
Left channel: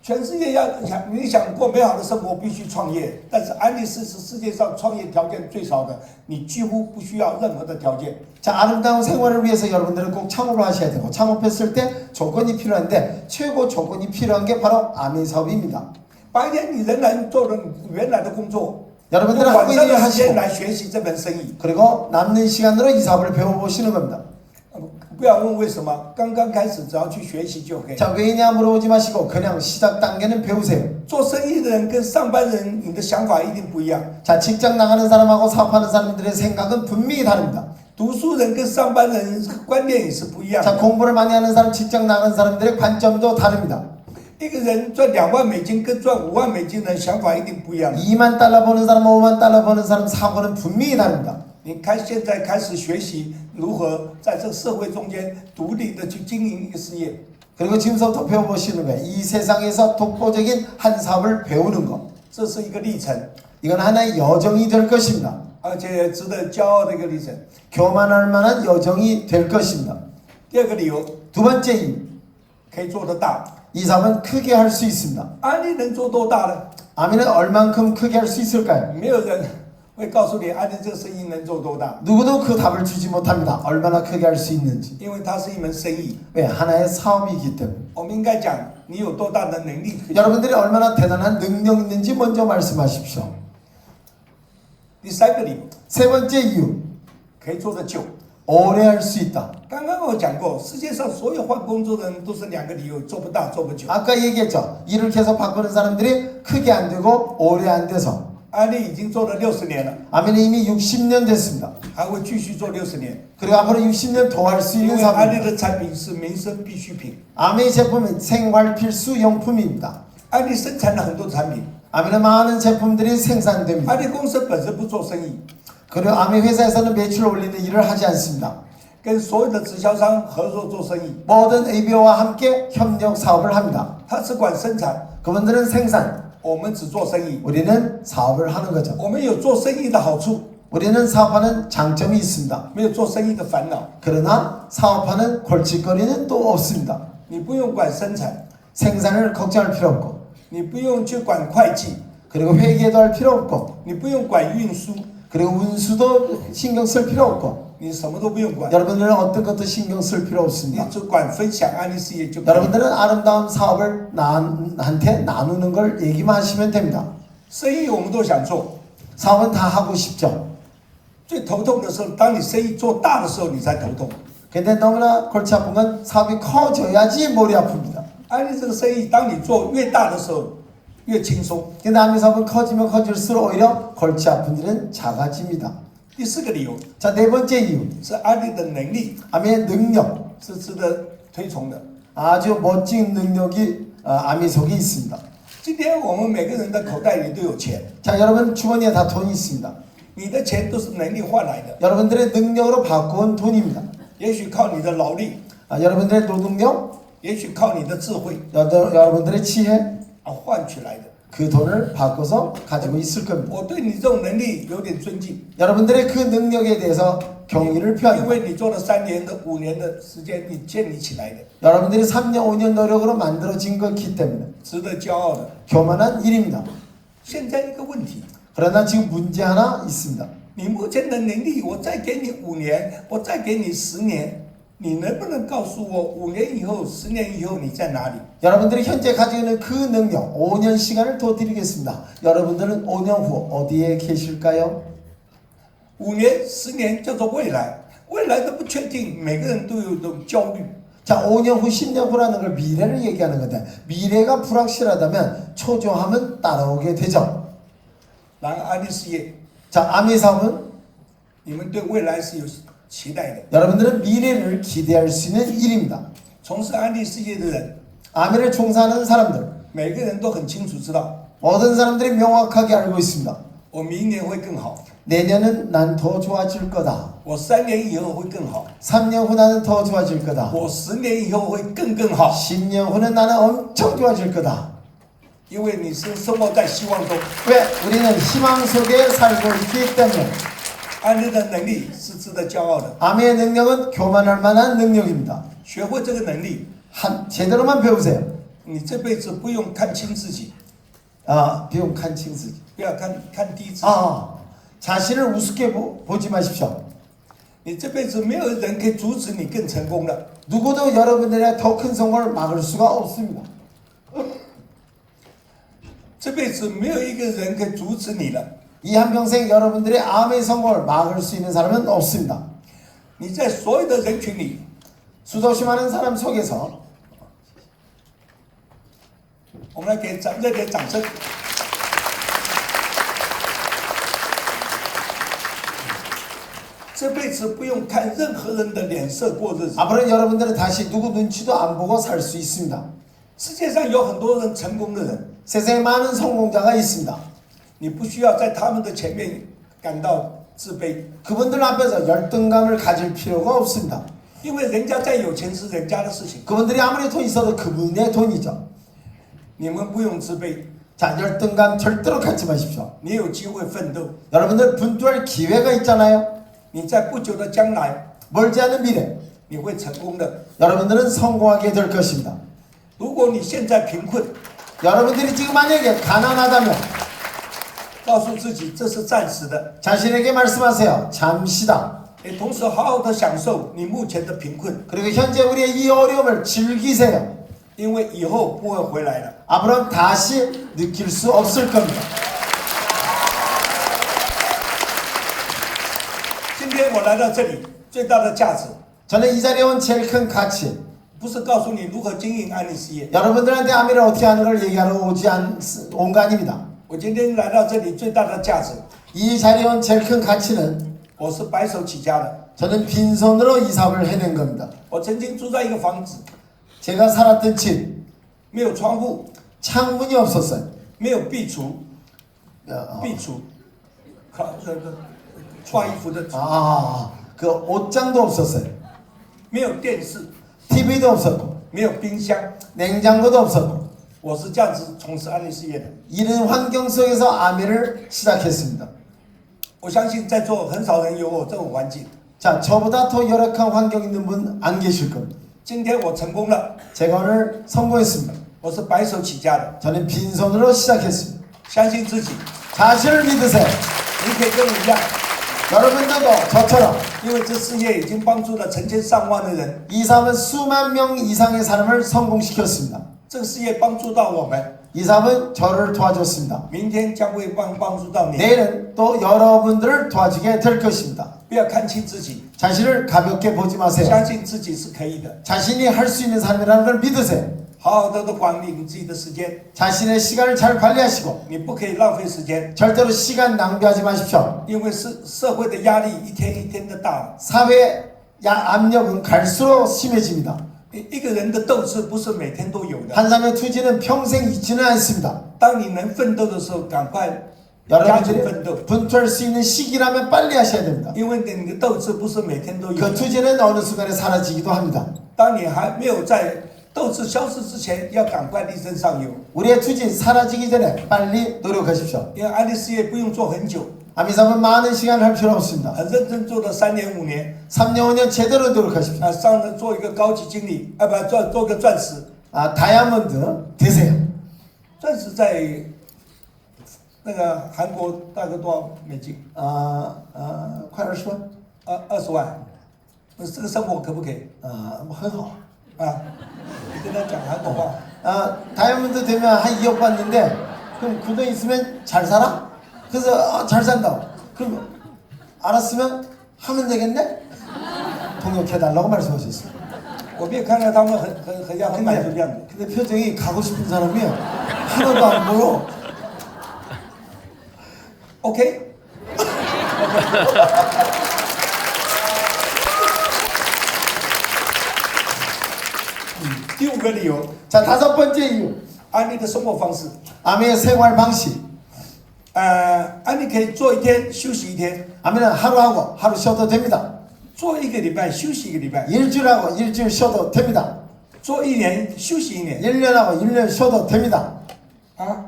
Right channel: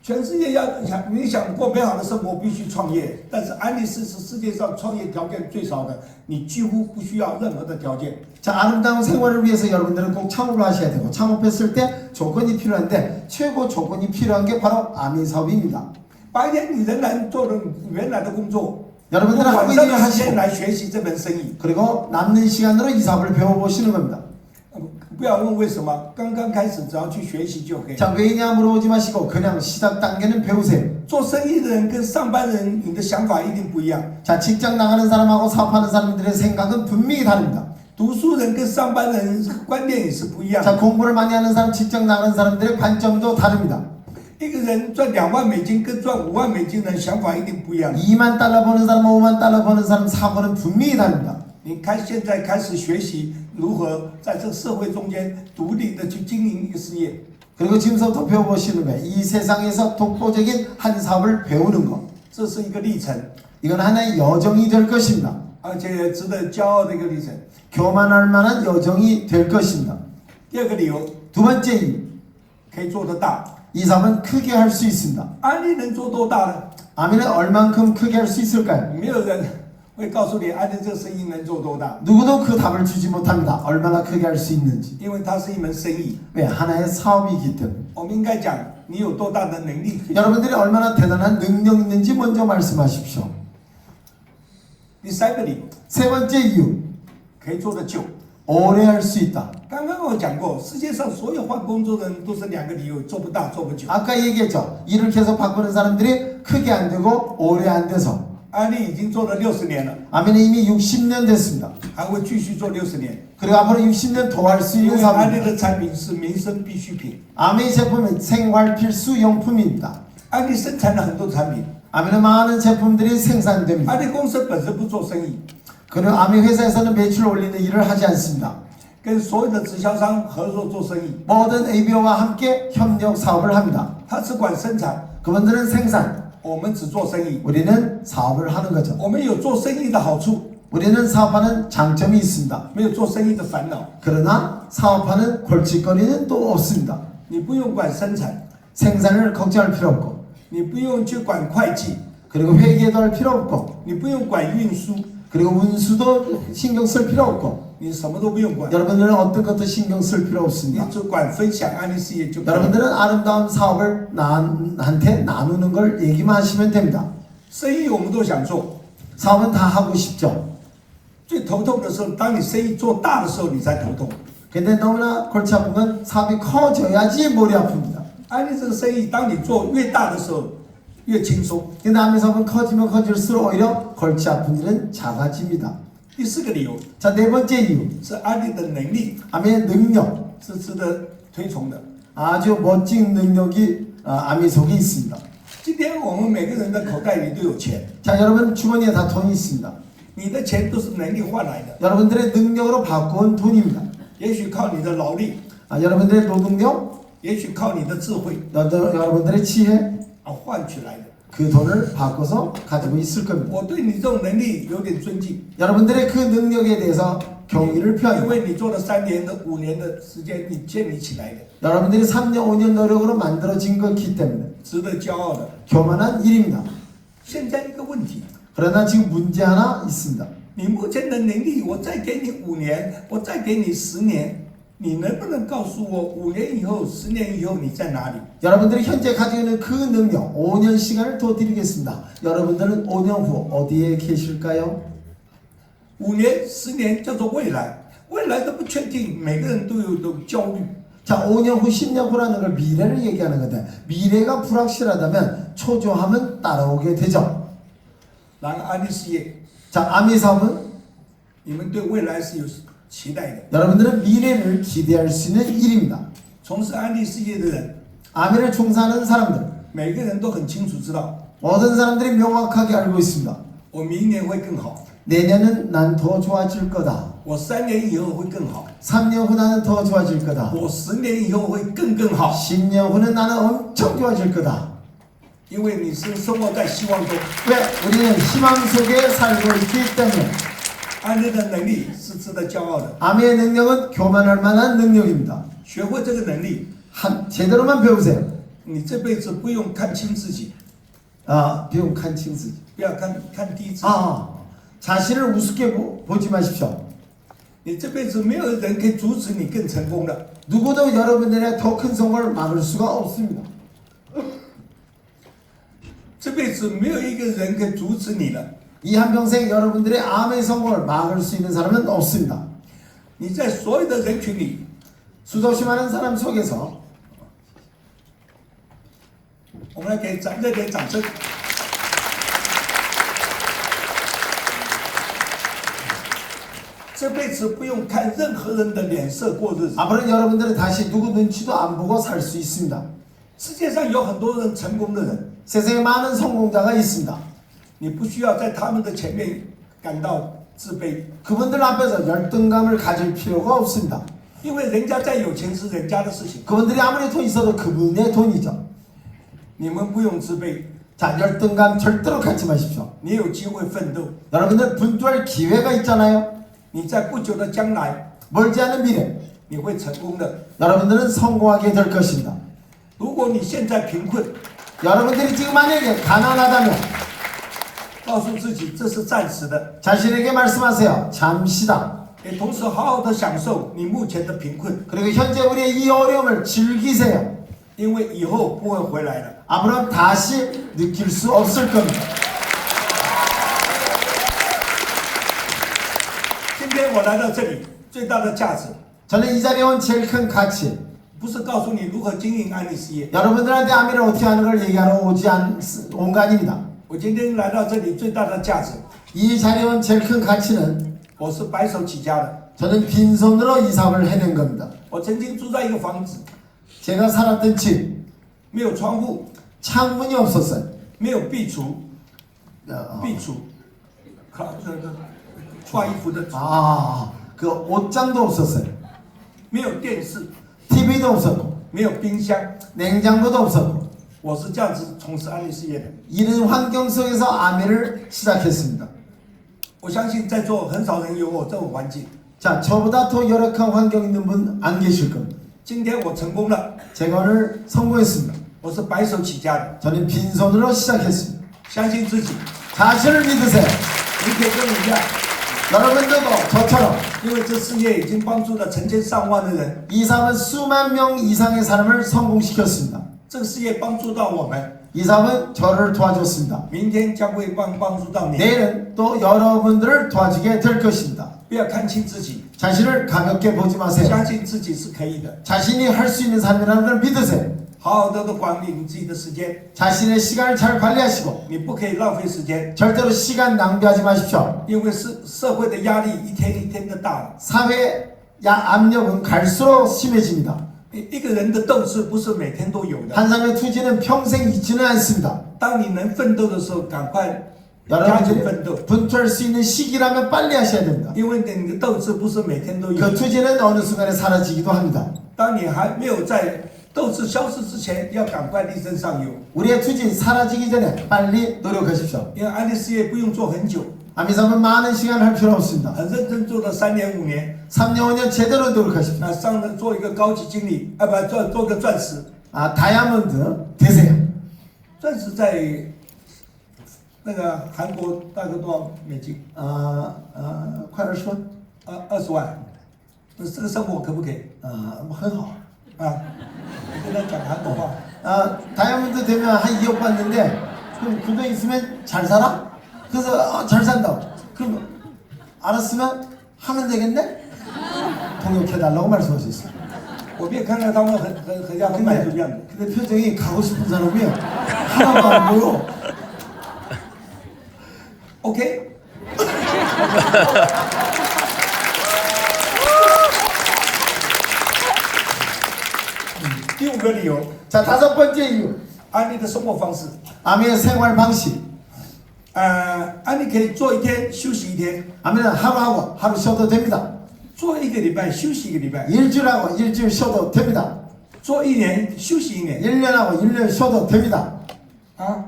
全世界你想过美好的生活，必须创业。但是安利是世界上创业条件最少的，你几乎不需要任何的条件。 자, 아름다운 생활을 위해서 여러분들은 꼭 창업을 하셔야 되고 창업했을 때 조건이 필요한데 최고 조건이 필요한 게 바로 아미 사업입니다. 白天你仍然做着原来的工作， 여러분들은 晚 하고 上 있는 일 的时间 하시고 来学习这门生意。 그리고 남는 시간으로 이 사업을 배워보시는 겁니다. 不要问为什么，刚刚开始只要去学习就可以。 자, 왜냐 물어보지 마시고 그냥 시작 단계는 배우세요. 做生意的人跟上班人，你的想法一定不一样。 자, 직장 나가는 사람하고 사업하는 사람들의 생각은 분명히 다릅니다. 读书人跟上班人观念也是不一样 자, 的。 공부를 많이 하는 사람, 직장 나가는 사람들의 관점도 다릅니다. 一个人赚2万美金跟赚5万美金的想法一定不一样。 2만 달러 버는 사람, 5만 달러 버는 사람 사고는 분명히 다릅니다. 你现在开始学习如何在这个社会中间独立的去经营一个事业。 그리고 지금부터 배워보시는 거예요. 이 세상에서 독보적인 한 사업을 배우는 거. 这是一个历程， 이건 하나의 여정이 될 것입니다. 而且值得骄傲的一个历程。 교만할 만한 여정이 될 것입니다. 第二个理由， 두 번째 이유, 可以做得大。 이 사업은 크게 할 수 있습니다. 安利能做多大呢？ 아미는 얼만큼 크게 할 수 있을까요? 没有人会告诉你安利这个生意能做多大， 누구도 그 답을 주지 못합니다. 얼마나 크게 할 수 있는지. 因为它是一门生意。 왜? 하나의 사업이기 때문에. 我们应该讲你有多大的能力。 여러분들이 얼마나 대단한 능력 있는지 먼저 말씀하십시오. 第三个理由， 세 번째 이유, 可以做得久。 오래 할 수 있다. 刚刚我讲过，世界上所有换工作的人都是2个理由：做不大，做不久。 아까 얘기했죠. 일을 계속 바꾸는 사람들이 크게 안 되고 오래 안 돼서. 安利已经做了60年了， 아미는 이미 60년 됐습니다. 还会继续做60年。 그리고 앞으로 60년 더 할 수 因 있는 为安利 사업입니다. 的产品是民生必需品， 아미 제품은 생활 필수 용품입니다. 安利生产了很多产品， 아미는 많은 제품들이 생산됩니다. 安利公司本身不做生意， 그리고 아미 회사에서는 매출 올리는 일을 하지 않습니다. 跟所有的直销商合作做生意， 모든 ABO와 함께 협력 사업을 합니다. 他只管生产， 그분들은 생산, 我们只做生意。 우리는 사업을 하는 거죠. 我们有做生意的好处， 우리는 사업하는 장점이 있습니다. 没有做生意的烦恼。 그러나 사업하는 골칫거리는 또 없습니다. 你不用管生产， 생산을 걱정할 필요 없고 你不用去管会计， 그리고 회계도 할 필요 없고 你不用管运输， 그리고 운수도 신경 쓸 필요 없고 你什么都不用管， 여러분들은 어떤 것도 신경 쓸 필요 你 없습니다. 只管分享安利事业就可以。 여러분들은 아름다운 사업을 남한테 나누는 걸 얘기만 하시면 됩니다. 生意我们都想做， 사업은 다 하고 싶죠. 最头痛的时候，当你生意做大的时候，你才头痛。 근데 너무나 골치 아픈 건 사업이 커져야지 머리 아픕니다. 安利这个生意，当你做越大的时候，越轻松。 근데 아미 사업은 커지면 커질수록 오히려 골치 아픈 일은 작아집니다. 第4个理由 자, 네 번째 이유. 是安利的能力 아미의 능력. 是值得推崇的。 아주 멋진 능력이 아미 속에 있습니다. 今天我们每个人的口袋里都有钱， 자, 여러분 주머니에 다 돈이 있습니다. 你的钱都是能力换来的， 여러분들의 능력으로 바꾼 돈입니다. 也许靠你的劳力， 여러분들의 노동력, 也许靠你的智慧 여러분들의 지혜, 而换取来的。 그 돈을 바꿔서 가지고 있을 겁니다. 我对你这种能力有点尊敬， 여러분들의 그 능력에 대해서 경의를 因 표합니다. 为你做了3年的、5年的时间，你建立起来的， 여러분들이 3년, 5년 노력으로 만들어진 것이기 때문에 值得骄傲的。 교만한 일입니다. 现在一个问题， 그러나 지금 문제 하나 있습니다. 你目前的能力，我再给你5年，我再给你10年，你能不能告诉我5年以后、10年以后你在哪里？ 여러분들이 현재 가지고 있는 그 능력 5년 시간을 더 드리겠습니다. 여러분들은 5년 후 어디에 계실까요? 5年、10年叫做未来，未来都不确定，每个人都有种焦虑。 자, 5년 후, 10년 후라는 걸 미래를 얘기하는 건데 미래가 불확실하다면 초조함은 따라오게 되죠. 然而安利事业， 자, 아미 사업은 你们对未来是有期待的。 여러분들은 미래를 기대할 수 있는 일입니다. 从事安利事业的人， 아멘에 종사하는 사람들, 每个人都很清楚知道， 모든 사람들이 명확하게 알고 있습니다. 我明年会更好， 내년은 난 더 좋아질 거다. 我3年以后会更好， 3년 후 나는 더 좋아질 거다. 我10年以后会更好。 10년 후는 나는 엄청 좋아질 거다. 因为你是生活在希望中， 왜? 우리는 희망 속에 살고 있기 때문에. 安利的能力是值得骄傲的。 아멘의 능력은 교만할 만한 능력입니다. 学会这个能力， 제대로만 배우세요. 你这辈子不用看轻自己， 비용 칸칭 쓰지. 不要看低自己。 자신을 우습게 보지 마십시오. 你这辈子没有人可以阻止你更成功的。 누구도 여러분들의 더 큰 성공을 막을 수가 없습니다. 这辈子没有一个人可以阻止你的。 이 한평생 여러분들의 암의 성공을 막을 수 있는 사람은 없습니다. 你在所有的人群里， 수없이 많은 사람 속에서 我们来给热烈掌声。这辈子不用看任何人的脸色过日子。 앞으로 여러분들은 다시 누구 눈치도 안 보고 살 수 있습니다. 世界上有很多人成功的人， 세상에 많은 성공자가 있습니다. 你不需要在他们的前面感到自卑， 그분들 앞에서 열등감을 가질 필요가 없습니다. 因为人家再有钱是人家的事情， 그분들이 아무리 돈 있어도 그분의 돈이죠. 你们不用自卑， 자, 열등감 절대로 갖지 마십시오. 你有机会奋斗， 여러분들 분투할 기회가 있잖아요. 你在不久的将来 멀지 않은 미래 你会成功的。 여러분들은 성공하게 될 것입니다. 如果你现在贫困， 여러분들이 지금 만약에 가난하다면 告诉自己这是暂时的， 자신에게 말씀하세요. 잠시다. 也同时好好的享受你目前的贫困， 그리고 현재 우리의 이 어려움을 즐기세요. 因为以后不会回来的。 앞으로 다시 느낄 수 없을 겁니다. 今天我来到这里，最大的价值 저는 이 자리에 온 제일 큰 가치, 不是告诉你如何经营安利事业。 여러분들한테 아미를 어떻게 하는 걸 얘기하러 온 거 아닙니다. 我今天来到这里最大的价值， 이 자리에 온 제일 큰 가치는 我是白手起家的。 저는 빈손으로 이 사업을 해낸 겁니다. 我曾经住在一个房子， 제가 살았던 집 没有窗户， 창문이 없었어요. 没有壁橱， 어, 壁橱，那个挂衣服的， 그 옷장도 없었어요. 没有电视， TV도 없었고 没有冰箱。 냉장고도 없었고 我是这样子从事安利事业的。 이런 환경 속에서 아멘을 시작했습니다. 我相信在座很少人有我这种环境。 자, 저보다 더 열악한 환경 있는 분 안 계실 겁니다. 今天我成功了， 제가 오늘 성공했습니다. 我是白手起家的， 저는 빈손으로 시작했습니다. 相信自己， 자신을 믿으세요. 你可以跟我一样， 여러분들도 저처럼 因为这事业已经帮助了成千上万的人， 이 사업은 수만 명 이상의 사람을 성공시켰습니다. 这个事业帮助到我们， 이 사업은 저를 도와줬습니다. 明天将会帮助到你。 내일은 또 여러분들을 도와주게 될 것입니다. 不要看轻自己， 자신을 가볍게 보지 마세요. 相信自己是可以的， 자신이 할 수 있는 삶이라는 걸 믿으세요. 好好的管理你自己的时间， 자신의 시간을 잘 관리하시고 你不可以浪费时间， 절대로 시간 낭비하지 마십시오. 因为社会的压力一天一天的大了。 사회 압력은 갈수록 심해집니다. 一个人的斗志不是每天都有的， 한 사람의 투지는 평생 있지는 않습니다. 当你能奋斗的时候，赶快加紧奋斗， 여러분들이 분투할 수 있는 시기라면 빨리 하셔야 됩니다. 因为你的斗志不是每天都有 그 。 투지는 어느 순간에 사라지기도 합니다. 当你还没有在斗志消失之前，要赶快力争上游， 우리의 투지 사라지기 전에 빨리 노력하십시오. 因为安利事业不用做很久， 아미사은 많은 시간 할 필요 없습니다. 很认真做了3年5年， 3년 5년 제대로 노력하십시오. 上了做一个高级经理，做个钻石， 다이아몬드 되세요. 钻石在那个韩国大概多少美金？快20万. 20万，这个生活可不可以？很好. 跟他讲韩国话。 다이아몬드 되면 한 2억 받는데 그럼 그 돈 있으면 잘 살아? 그래서 잘 산다고. 그럼 알았으면 하면 되겠네? 동역해달라고 말씀하셨어요. 我可以看到他们很像很满足一样的。 근데 표정이 가고 싶은 사람이 하나도 안 보여. OK。第五个理由， 자, 5번째 이유. 安利的生活方式。 아미의 생활 방식. 安利可以做一天休息一天， 아미는 하루하고 하루 쉬어도 됩니다. 做一个礼拜休息一个礼拜， 일주일하고 일주일 쉬어도 됩니다. 做一年休息一年， 1년하고 1년 쉬어도 됩니다. 啊，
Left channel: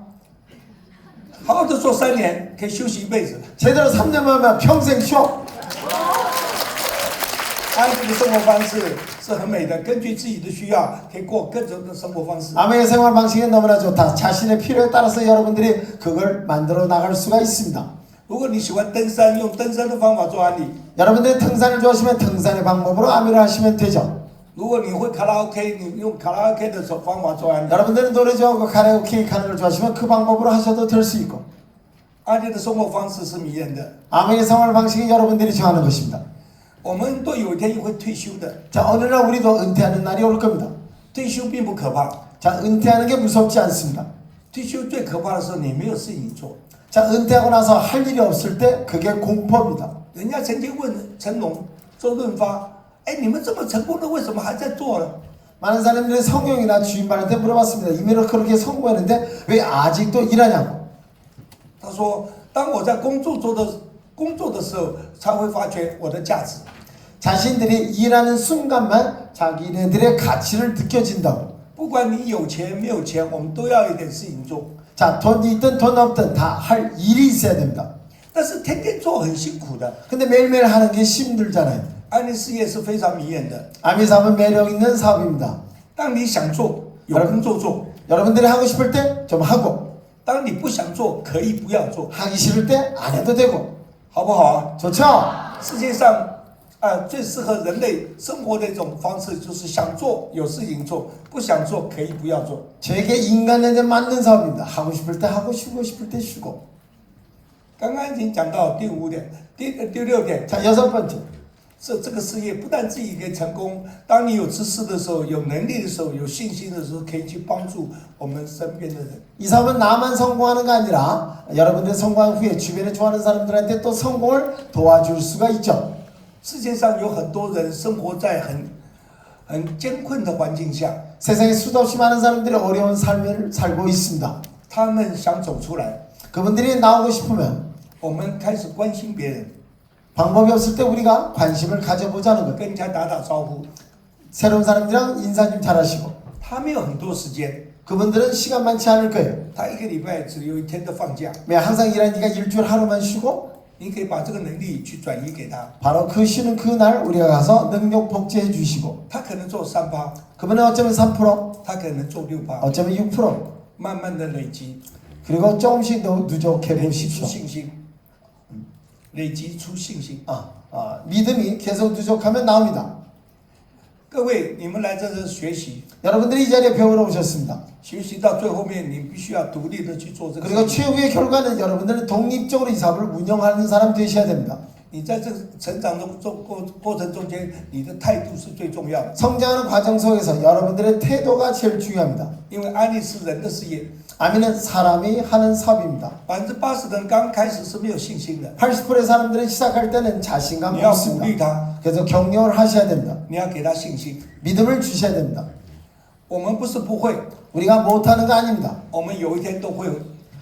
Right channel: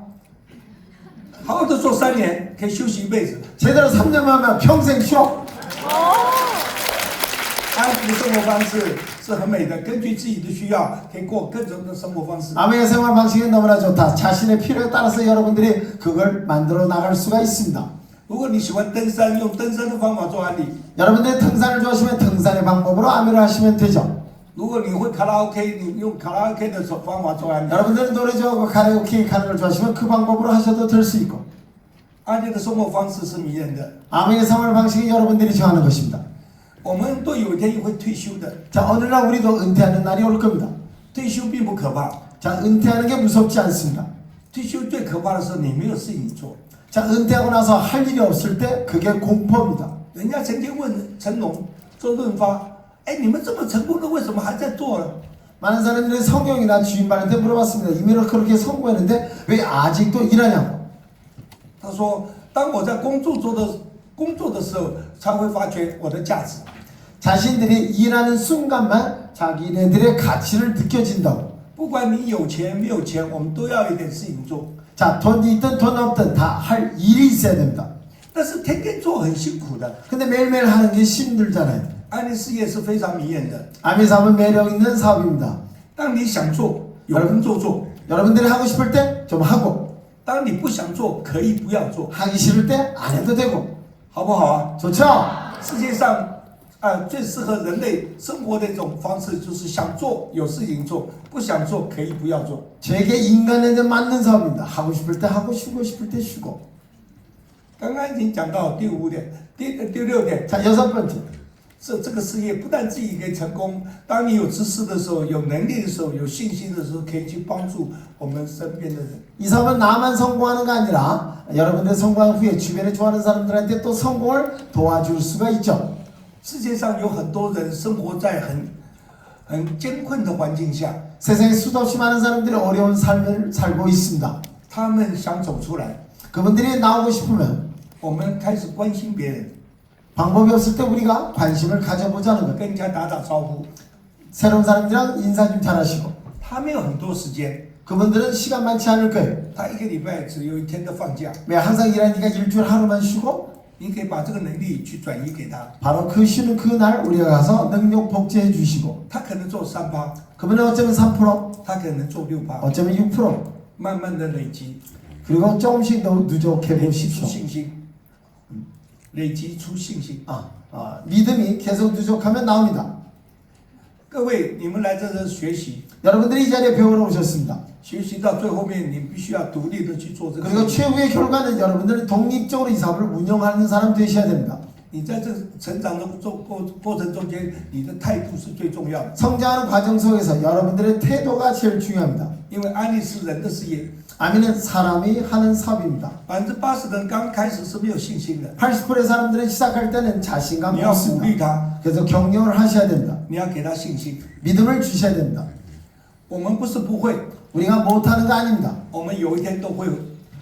好好的做3年，可以休息一辈子。 제대로 3년만 하면 평생 쉬어. 安利的生活方式是很美的，根据自己的需要，可以过各种的生活方式。 아미의 생활 방식이 너무나 좋다. 자신의 필요에 따라서 여러분들이 그걸 만들어 나갈 수가 있습니다. 如果你喜欢登山，用登山的方法做安利； 여러분들이 등산을 좋아하시면 등산의 방법으로 아미를 하시면 되죠. 如果你会卡拉 OK， 你用卡拉 OK 的方法做安利。 여러분들은 노래 좋아하고 가라오케 가는 걸 좋아하시면 그 방법으로 하셔도 될 수 있고. 安利的生活方式是迷人的， 아미의 생활 방식이 여러분들이 좋아하는 것입니다. 我们都有一天会退休的。 자, 어느 날 우리도 은퇴하는 날이 올 겁니다. 退休并不可怕， 자, 은퇴하는 게 무섭지 않습니다. 退休最可怕的是你没有事情做。 자, 은퇴하고 나서 할 일이 없을 때 그게 공포입니다. 人家曾经问成龙、周润发：“哎，你们这么成功了，为什么还在做呢？” 많은 사람들이 성경이나 주인말한테 물어봤습니다. 이미로 그렇게 성공했는데 왜 아직도 일하냐고. 他说：“当我在工作的时候，才会发觉我的价值。 자신들이 일하는 순간만 자기네들의 가치를 느껴진다고. 不管你有钱没有钱，我们都要有一点事情做。 자, 돈이 있든 돈 없든 다 할 일이 있어야 됩니다. 但是天天做很辛苦的。 근데 매일매일 하는 게 힘들잖아요. 安利事业是非常迷人的。 아미 사업은 매력 있는 사업입니다. 当你想做，有人做； 여러분들이 하고 싶을 때 좀 하고 当你不想做，可以不要做， 하기 싫을 때 안 해도 되고. 好不好啊？ 좋죠? 世界上最适合人类生活的一种方式，就是想做有事情做，不想做可以不要做。 저에게 인간에게 맞는 사업입니다. 하고 싶을 때 하고 쉬고 싶을 때 쉬고. 刚刚已经讲到第5点，第6点， 자, 6번째. 这个事业不但自己可以成功，当你有知识的时候、有能力的时候、有信心的时候，可以去帮助我们身边的人。 이 사업은 나만 성공하는 게 아니라 여러분들 성공한 후에 주변에 좋아하는 사람들한테 또 성공을 도와줄 수가 있죠. 世界上有很多人生活在很艰困的环境下， 세상에 수도 없이 많은 사람들이 어려운 삶을 살고 있습니다. 他们想走出来， 그분들이 나오고 싶으면 我们开始关心别人， 방법이 없을 때 우리가 관심을 가져보자는 것. 跟人家打打招呼。 새로운 사람들이랑 인사 좀 잘하시고. 他没有很多时间， 그분들은 시간 많지 않을 거예요. 他一个礼拜只有1天的放假， 왜 항상 일하니까 일주일 하루만 쉬고 你可以把这个能力去转移给他， 바로 그 쉬는 그날 우리가 가서 능력 복제해 주시고 他可能做3%， 그분은 어쩌면 3%, 他可能做6%， 어쩌면 6%, 慢慢的累积， 그리고 조금씩 더 누적해 累积出 보십시오. 信心，累积出信心。 믿음이 계속 누적하면 나옵니다. 各位，你们来这里学习， 여러분들이 이 자리에 배우러 오셨습니다. 学习到最后面，你必须要独立的去做这个 그리고 事情。 최후의 결과는 여러분들은 독립적으로 이 사업을 운영하는 사람 되셔야 됩니다. 你在这个成长的过程中间，你的态度是最重要的， 성장하는 과정 속에서 여러분들의 태도가 제일 중요합니다. 因为安利是人的事业， 아미는 사람이 하는 사업입니다. 80%的人刚开始是没有信心的， 80%의 사람들은 시작할 때는 자신감이 你要鼓 없습니다. 励他， 그래서 격려를 하셔야 됩니다. 你要给他信心。 믿음을 주셔야 됩니다. 我们不是不会， 우리가 못하는 거 아닙니다. 我们有一天都会。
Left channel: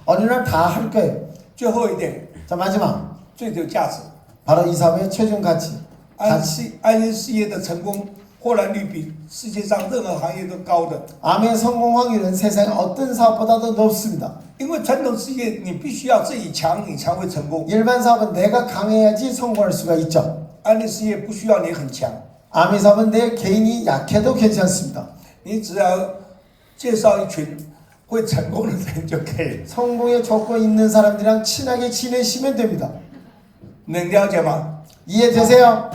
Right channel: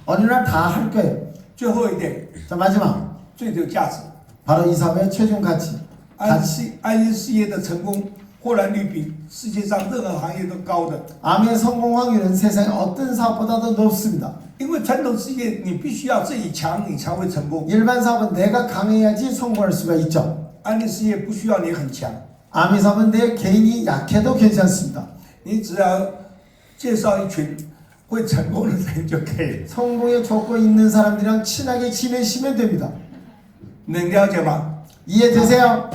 어느 날 다 할 거예요. 最后一点， 자, 마지막. 最有价值， 바로 이 사업의 최종 가치. 安利事业的成功获然率比世界上任何行业都高的。 암의 성공 확률은 세상의 어떤 사업보다도 높습니다. 因为传统事业你必须要自己强，你才会成功。 일반 사업은 내가 강해야지 성공할 수가 있죠. 安利事业不需要你很强， 암의 사업은 내 개인이 약해도 괜찮습니다. 你只要介绍一群会成功的人就可以。 성공에 조건 있는 사람들이랑 친하게 지내시면 됩니다. 能了解吗？ 이해되세요?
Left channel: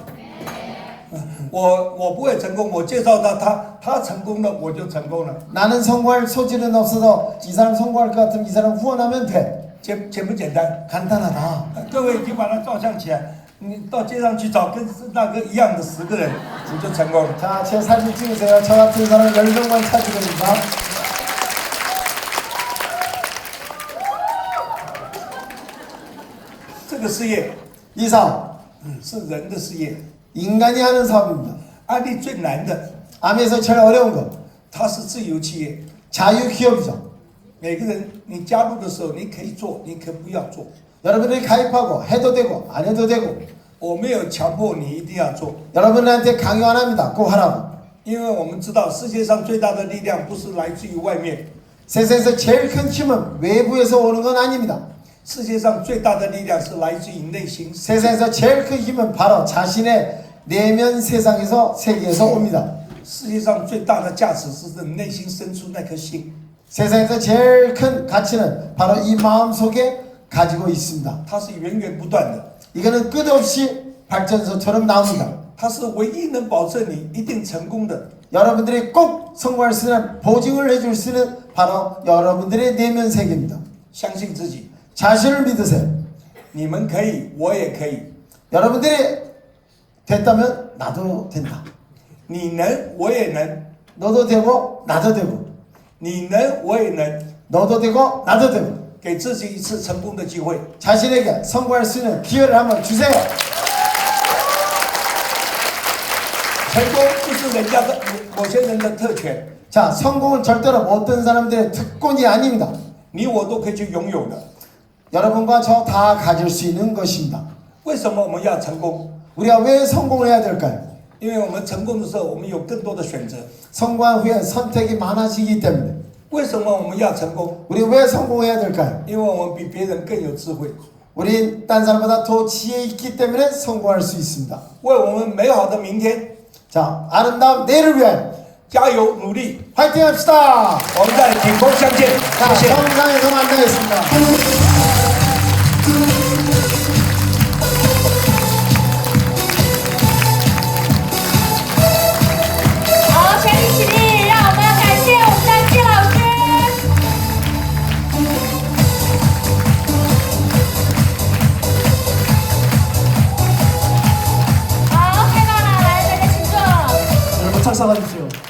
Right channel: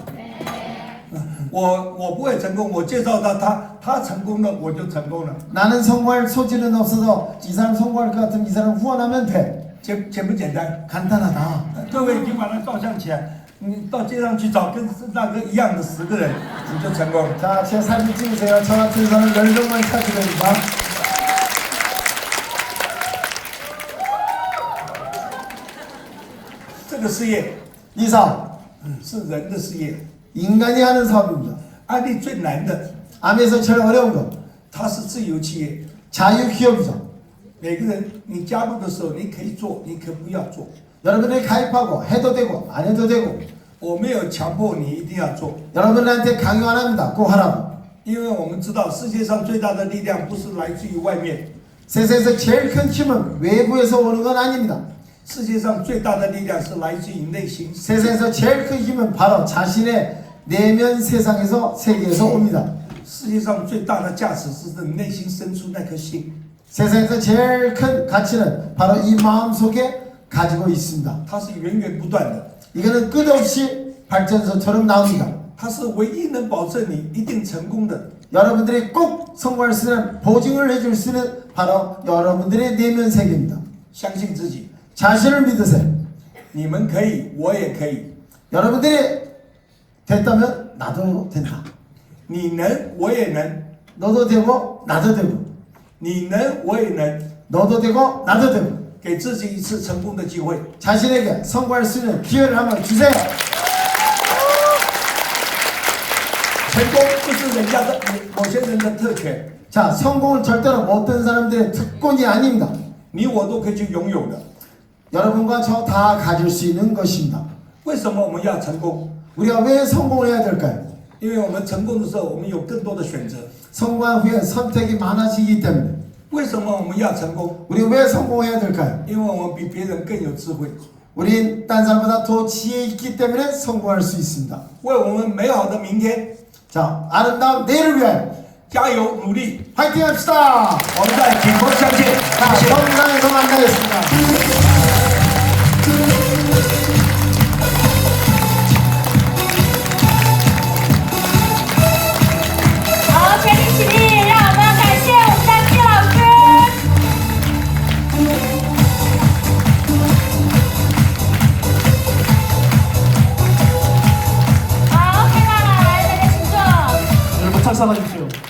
我不会成功，我介绍他成功了，我就成功了。 나는 성공할 소질은 없어도 이 사람 성공할 것 같으면 이 사람 후원하면 돼. 简不简单？ 간단하다. 各位已经把它照相起来，你到街上去找跟那个一样的10个人，你就成功了。 자, 제 사진 찍으세요. 저 같은 사람 10명만 찾으면 됩니다. 这个事业 이 사업, 是人的事业， 인간이 하는 사업입니다. 安利最难的， 암에서 제일 어려운 거. 它是自由企业， 자유기업이죠. 每个人你加入的时候，你可以做，你可以不要做。 여러분들이 가입하고 해도 되고 안 해도 되고 我没有强迫你一定要做， 여러분들한테 강요 안 합니다. 꼭 하라고. 因为我们知道世界上最大的力量不是来自于外面， 세상에서 제일 큰 힘은 외부에서 오는 건 아닙니다. 世界上最大的力量是来自于内心。 세상에서 제일 큰 힘은 바로 자신의 내면 세상에서 세계에서 옵니다. 世界上最大的价值是你内心深处那颗心， 세상에서 제일 큰 가치는 바로 이 마음 속에 가지고 있습니다. 它是源源不断的， 이거는 끝없이 발전소처럼 나옵니다. 它是唯一能保证你一定成功的。 여러분들이 꼭 성공할 수 있는 보증을 해줄 수 있는 바로 여러분들의 내면 세계입니다. 相信自己， 자신을 믿으세요. 你们可以，我也可以， 여러분들이 됐다면 나도 된다. 你能，我也能， 너도 되고 나도 되고 你能，我也能， 너도 되고 나도 되고 给自己一次成功的机会。 자신에게 성공할 수 있는 기회를 한번 주세요. 成功不是人家的某些人的特权， 자, 성공은 절대로 어떤 사람들의 특권이 아닙니다. 你我都可以去拥有的。 여러분과 저 다 가질 수 있는 것입니다. 为什么我们要成功？ 우리가 왜 성공을 해야 될까요? 因为我们成功的时候，我们有更多的选择。 성공한 후에 선택이 많아지기 때문에 为什么我们要成功？ 우리 왜 성공해야 될까요? 因为我们比别人更有智慧， 우린 딴 사람보다 더 지혜 있기 때문에 성공할 수 있습니다. 为我们美好的明天 자, 아름다운 내일을 위하여 加油努力。 화이팅 합시다. 我们在挺沟相见， 자, 谢谢。 정상에서 만나겠습니다. 여러분 착석하십시오.